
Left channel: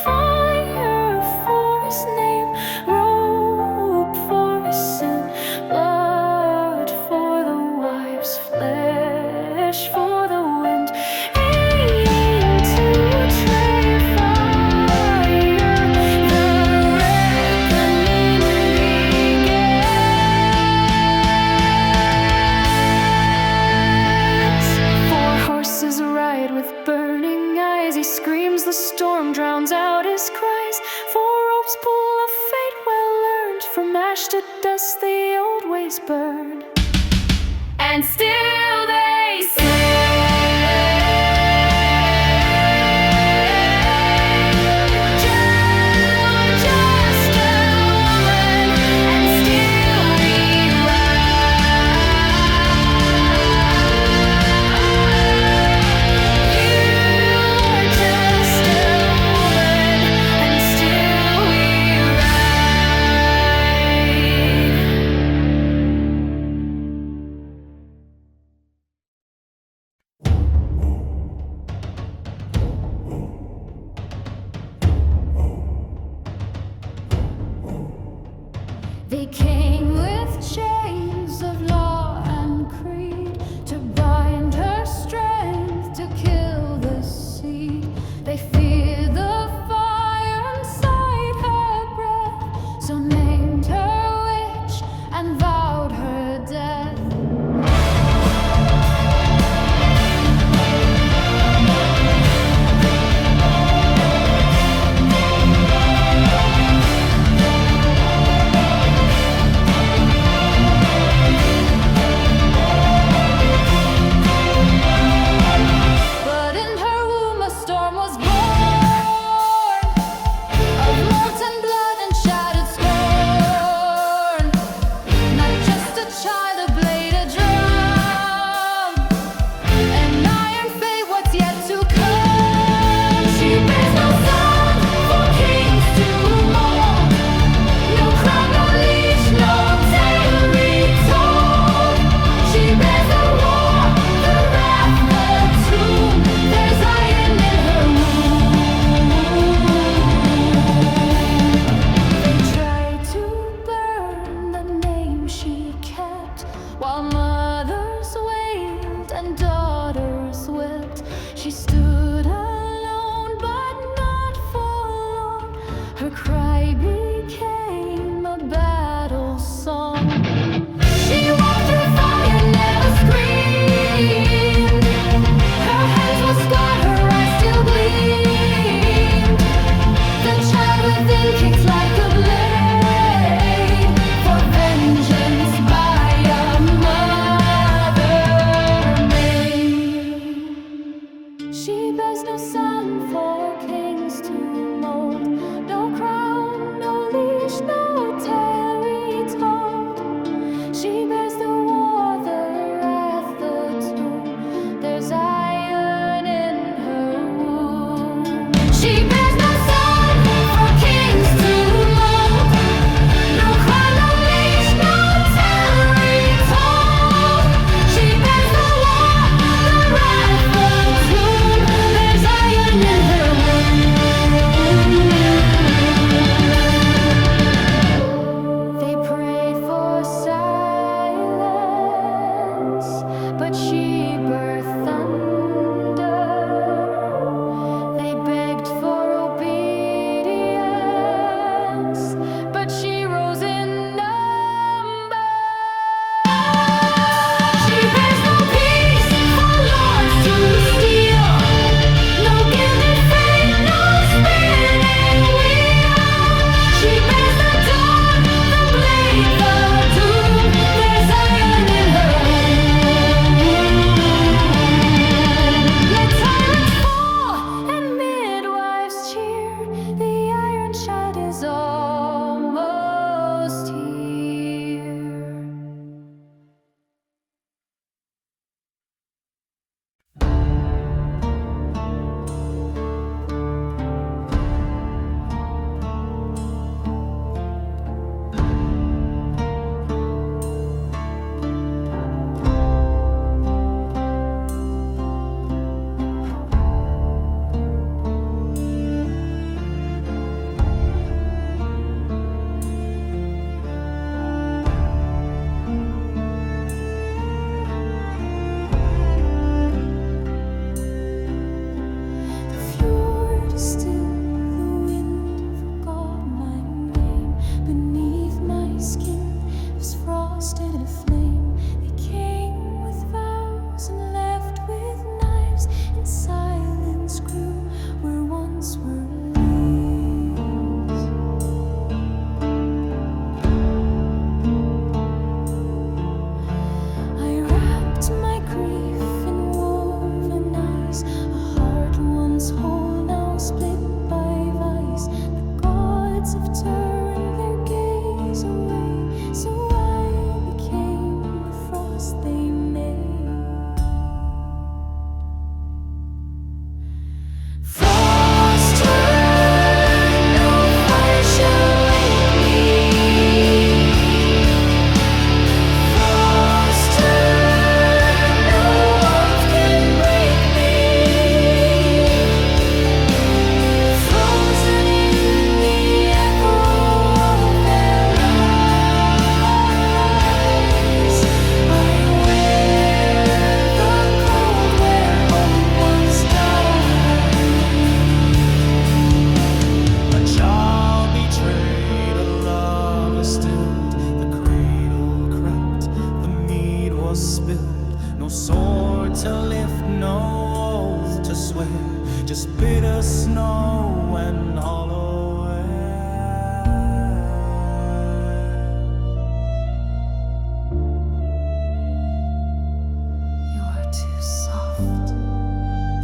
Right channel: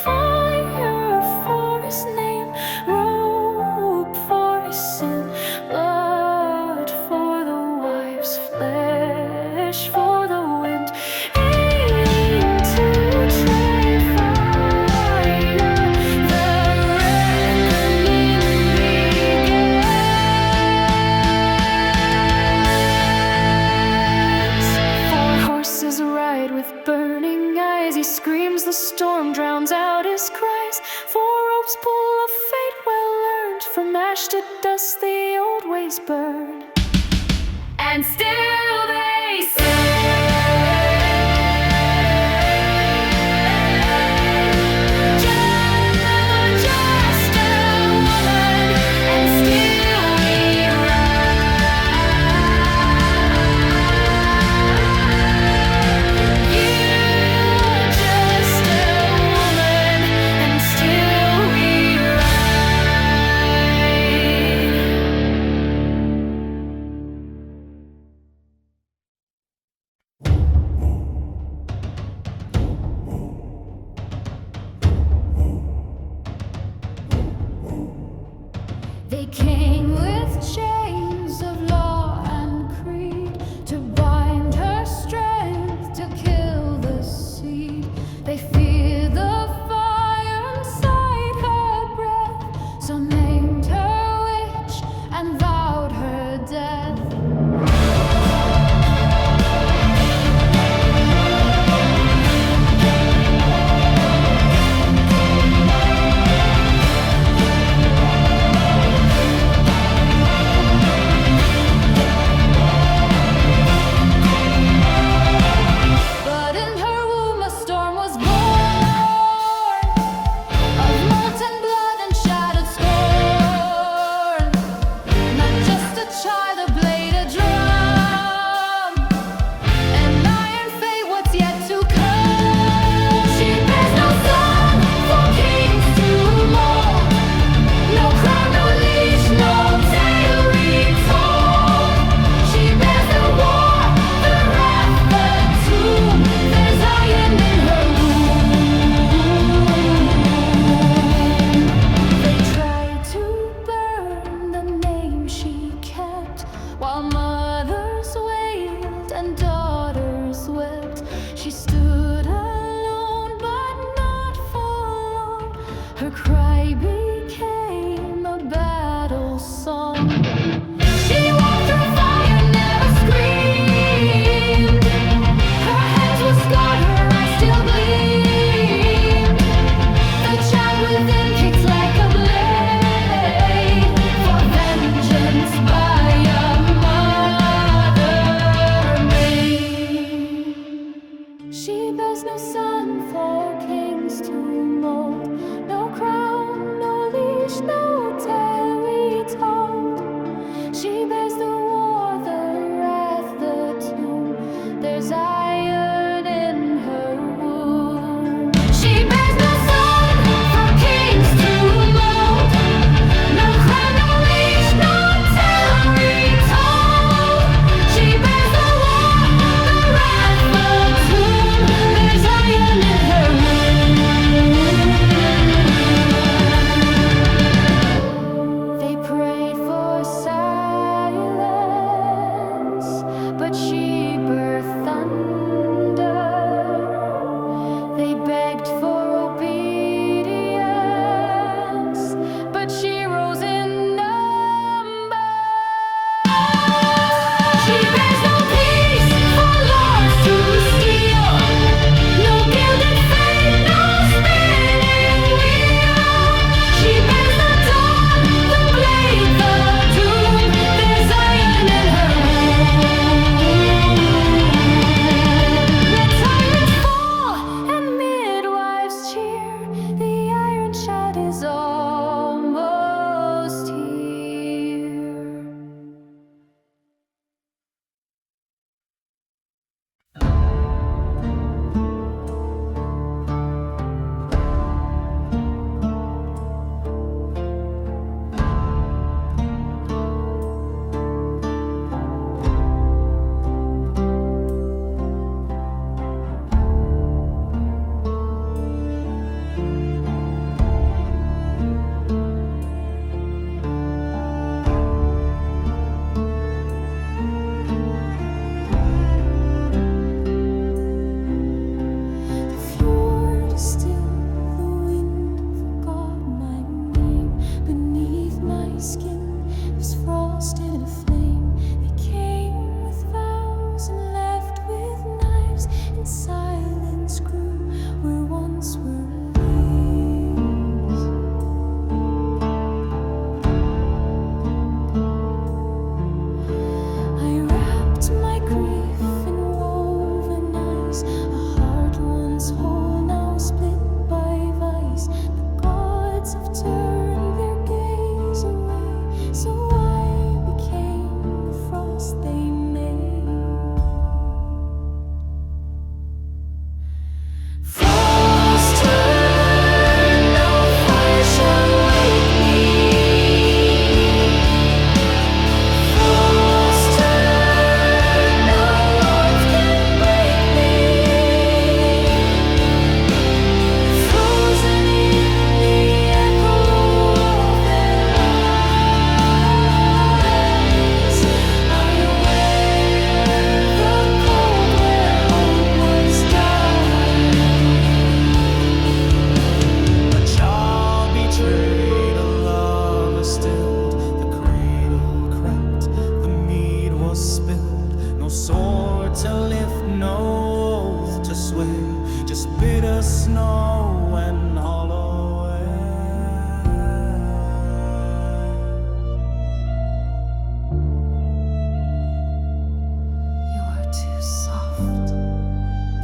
Fire for his name, rope for his sin, blood for the wives, flesh for the wind. Aim to trade fire, the reckoning begins. Four horses ride with burning eyes. He screams, the storm drowns out his cries. Four ropes pull, a fate well earned. From ash to dust the old ways burn. And still they say They came with chains of law and creed to bind her strength, to kill the seed. They feared the fire inside her breath, so named her witch and vowed her death. But in her womb a storm was born, of molten blood and shattered scorn. Not just a child, a blade, a drum, an iron fate, what's yet to come. She bears no son for kings to mold, no crown, no leash, no tale retold. She bears the war, the wrath, the tomb. There's iron in her womb. They tried to burn the name she kept, while mothers wailed and daughters wept. She stood alone, but not for long. Her cry became a battle song. She walked through fire, never screamed. Her hands were scarred, her eyes still gleamed. The child within kicked like a blade, for vengeance by a mother maid. She bears no son for kings to mold, no crown, no leash, no tale retold. She bears the war, the wrath, the tomb. There's iron in her womb. She bears no son for kings to mold, no crown, no leash, no tale retold. She bears the war, the wrath, the tomb. There's iron in her womb. They prayed for silence, but she birthed thunder. They begged for obedience, but she rose in number. She bears no peace for lords to steal, no gilded fate, no spinning wheel. She bears the dawn, the blade, the doom. There's iron in her womb. Let tyrants fall and midwives cheer. The to lift, no oath to swear, just bitter snow and hollow air. You are too soft,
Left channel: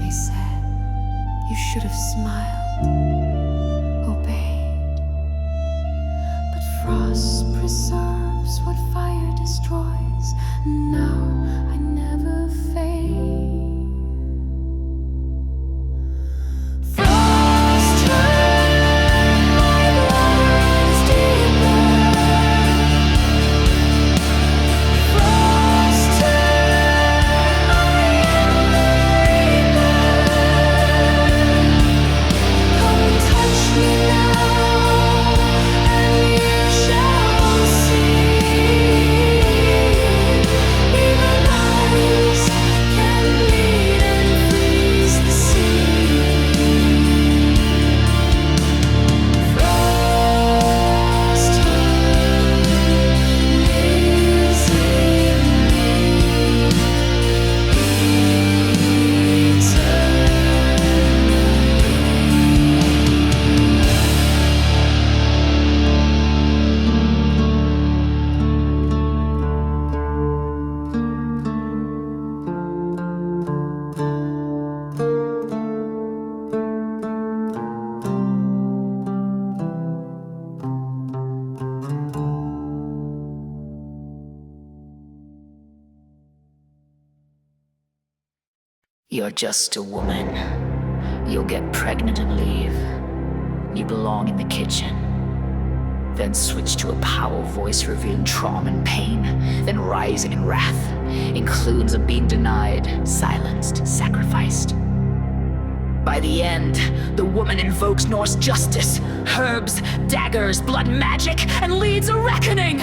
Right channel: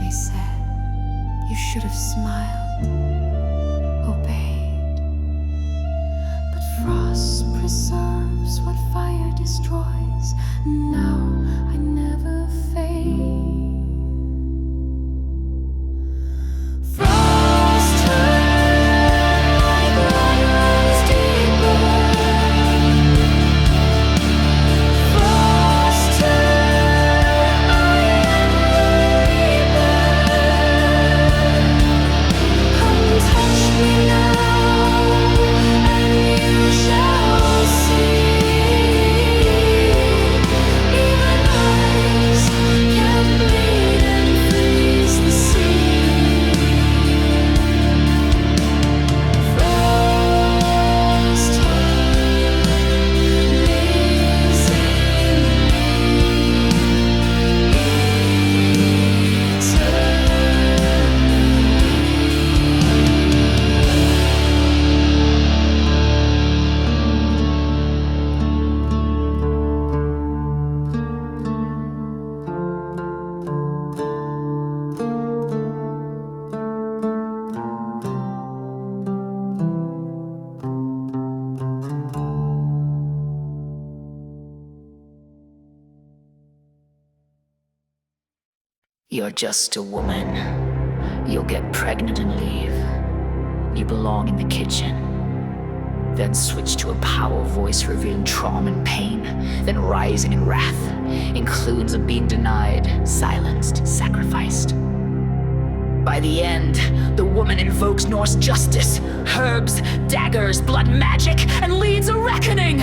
they said. You should have smiled, obeyed. But frost preserves what fire destroys. Now I never fade. Frost turn, my blood runs deeper. Frost turn, I am the reaper. Come touch me now, and you shall see. Even ice can bleed and freeze the sea. Frost heart lives in me You're just a woman. You'll get pregnant and leave. You belong in the kitchen. Then switch to a power voice revealing trauma and pain, then rising in wrath, includes of being denied, silenced, sacrificed. By the end, the woman invokes Norse justice, herbs, daggers, blood magic, and leads a reckoning!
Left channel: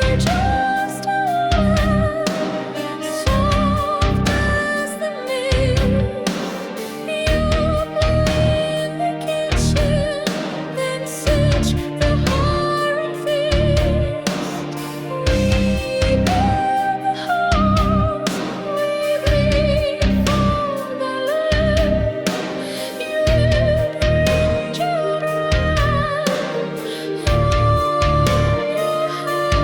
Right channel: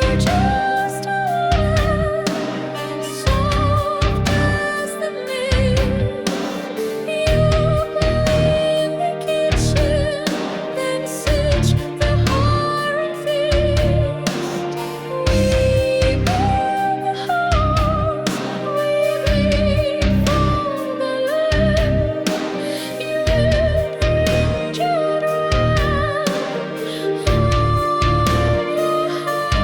You're just a woman, soft as the mist. You play in the kitchen, then switch the horror and feast. We build the halls, we bleed for the land. You would bring children, warm your hands.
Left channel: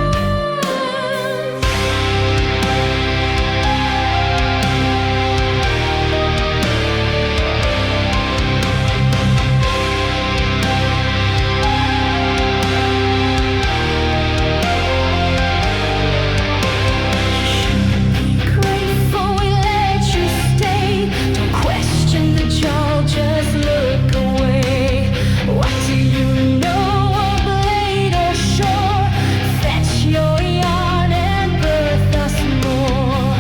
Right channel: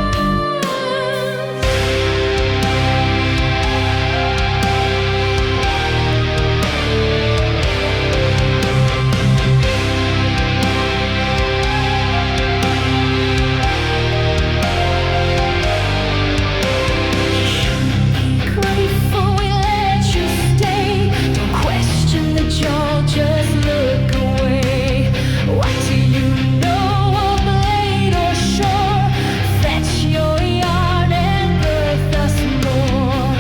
You should be grateful we let you stay. Don't question the Jarl, just look away. What do you know of blade or shore? Fetch your yarn and birth us more.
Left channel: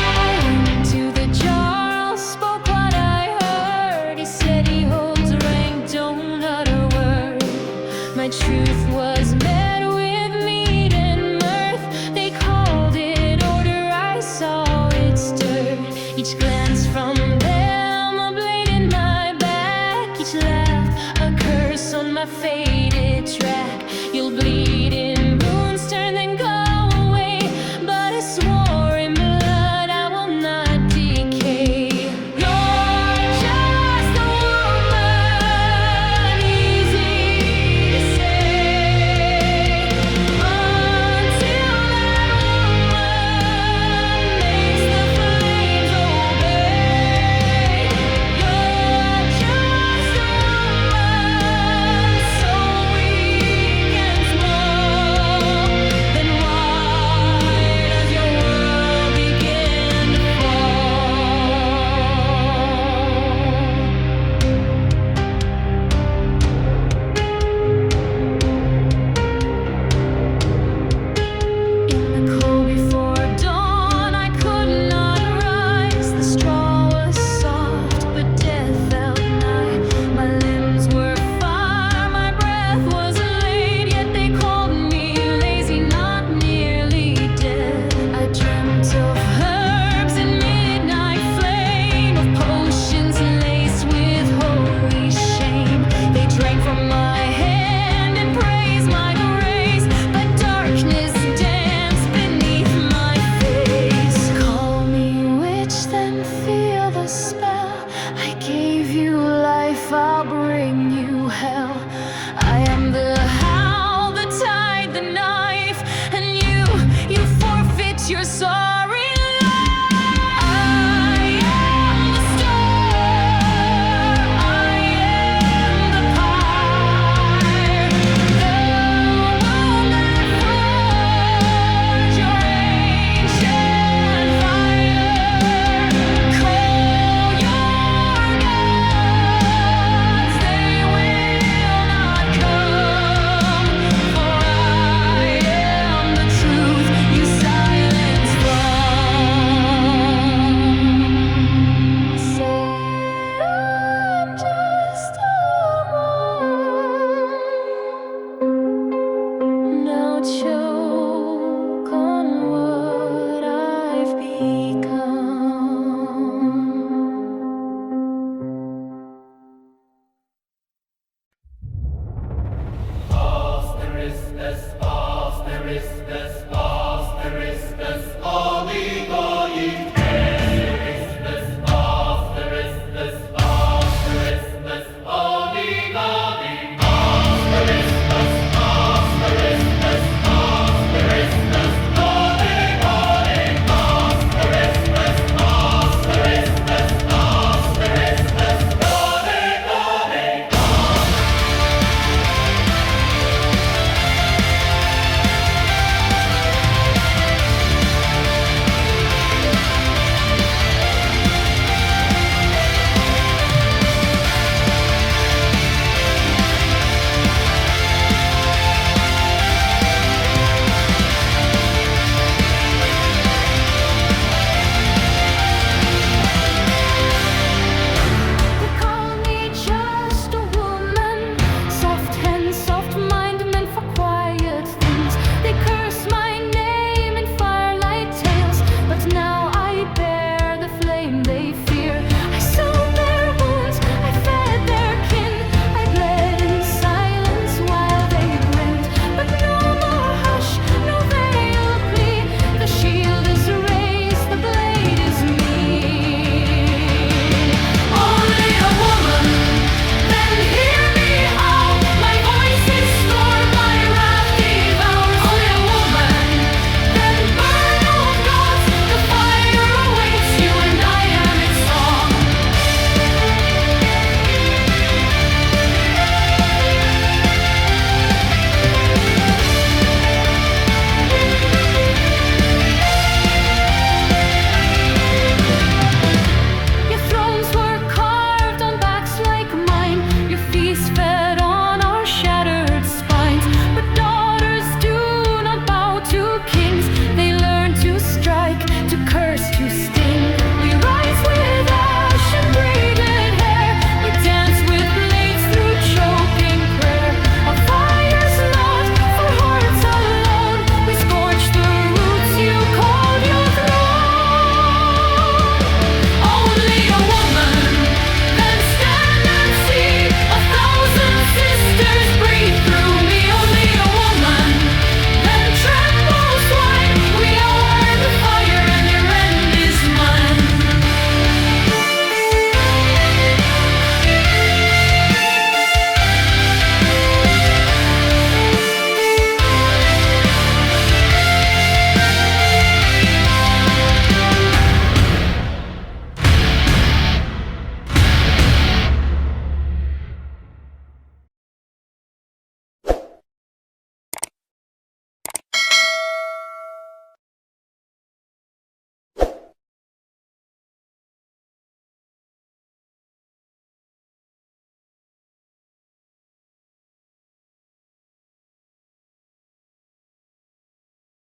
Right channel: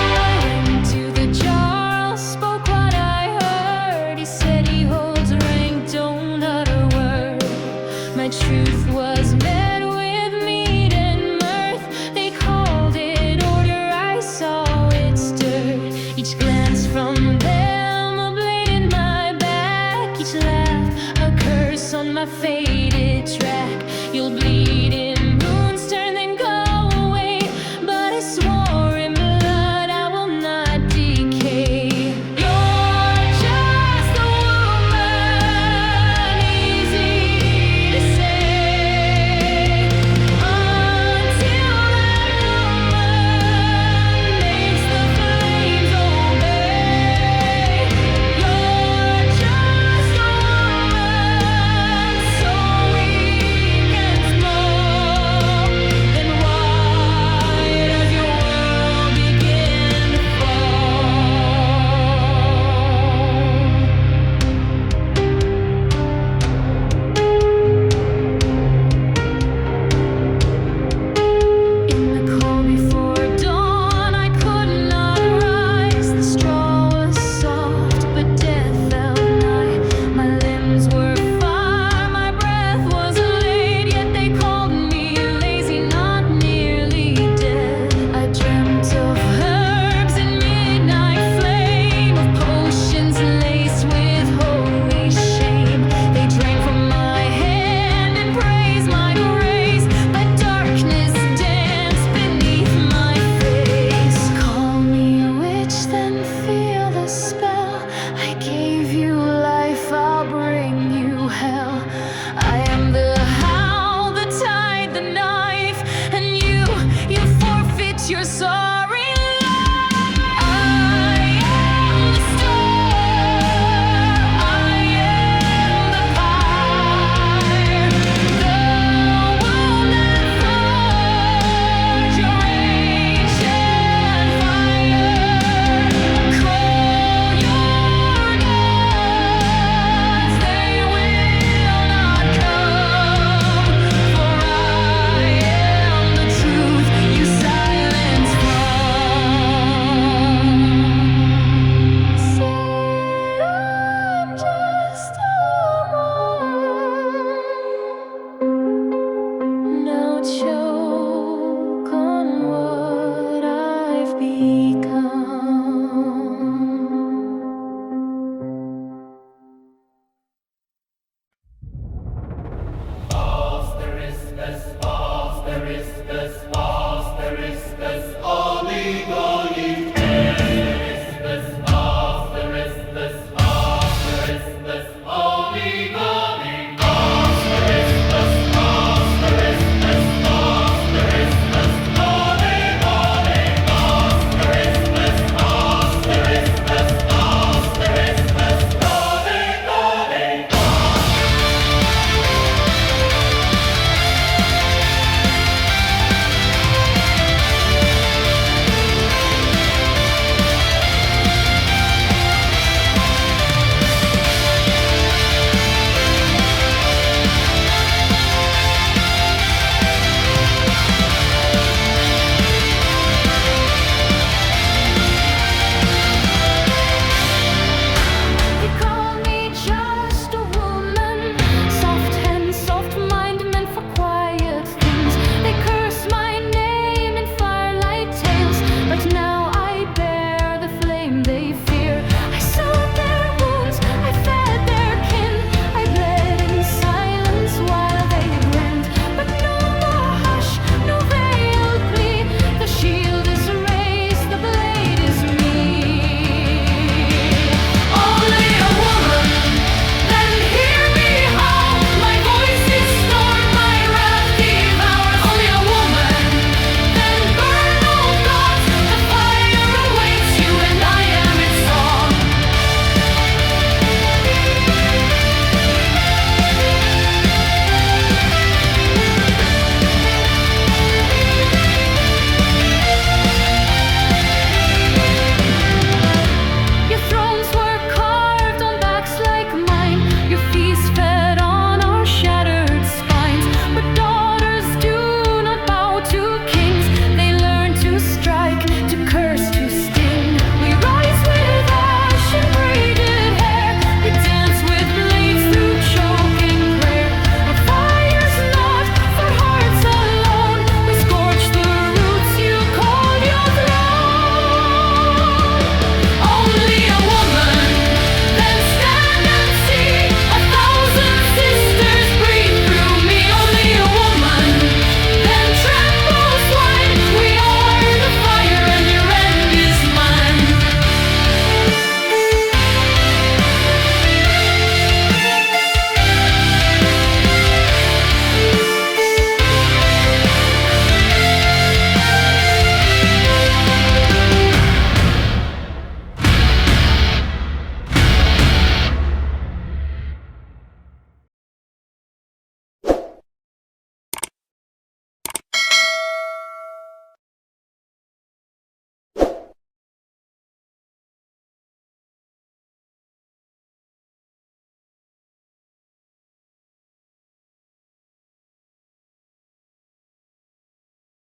I went to the Jarl, spoke what I heard. He said he holds rank, don't utter word. My truth was met with mead and mirth. They called it order, I saw it stirred. Each glance from them, a blade in my back. Each laugh, a curse on my faded track. You'll bleed in moon's turn, then go away. But I swore in blood I will not decay. You're just a woman, easy to say, until that woman makes the flames obey. You're just a woman, so weak and small. Then why does your world begin to fall? In the cold before dawn, I could not rise. The straw was soft, but death felt nigh. My limbs were fire, my what's your sorry lie? I am the storm, I am the pyre, the wound that forged your ancient fire. Call your gods, they will not come, for I am the truth you silence from. Said I'm just a woman, now chose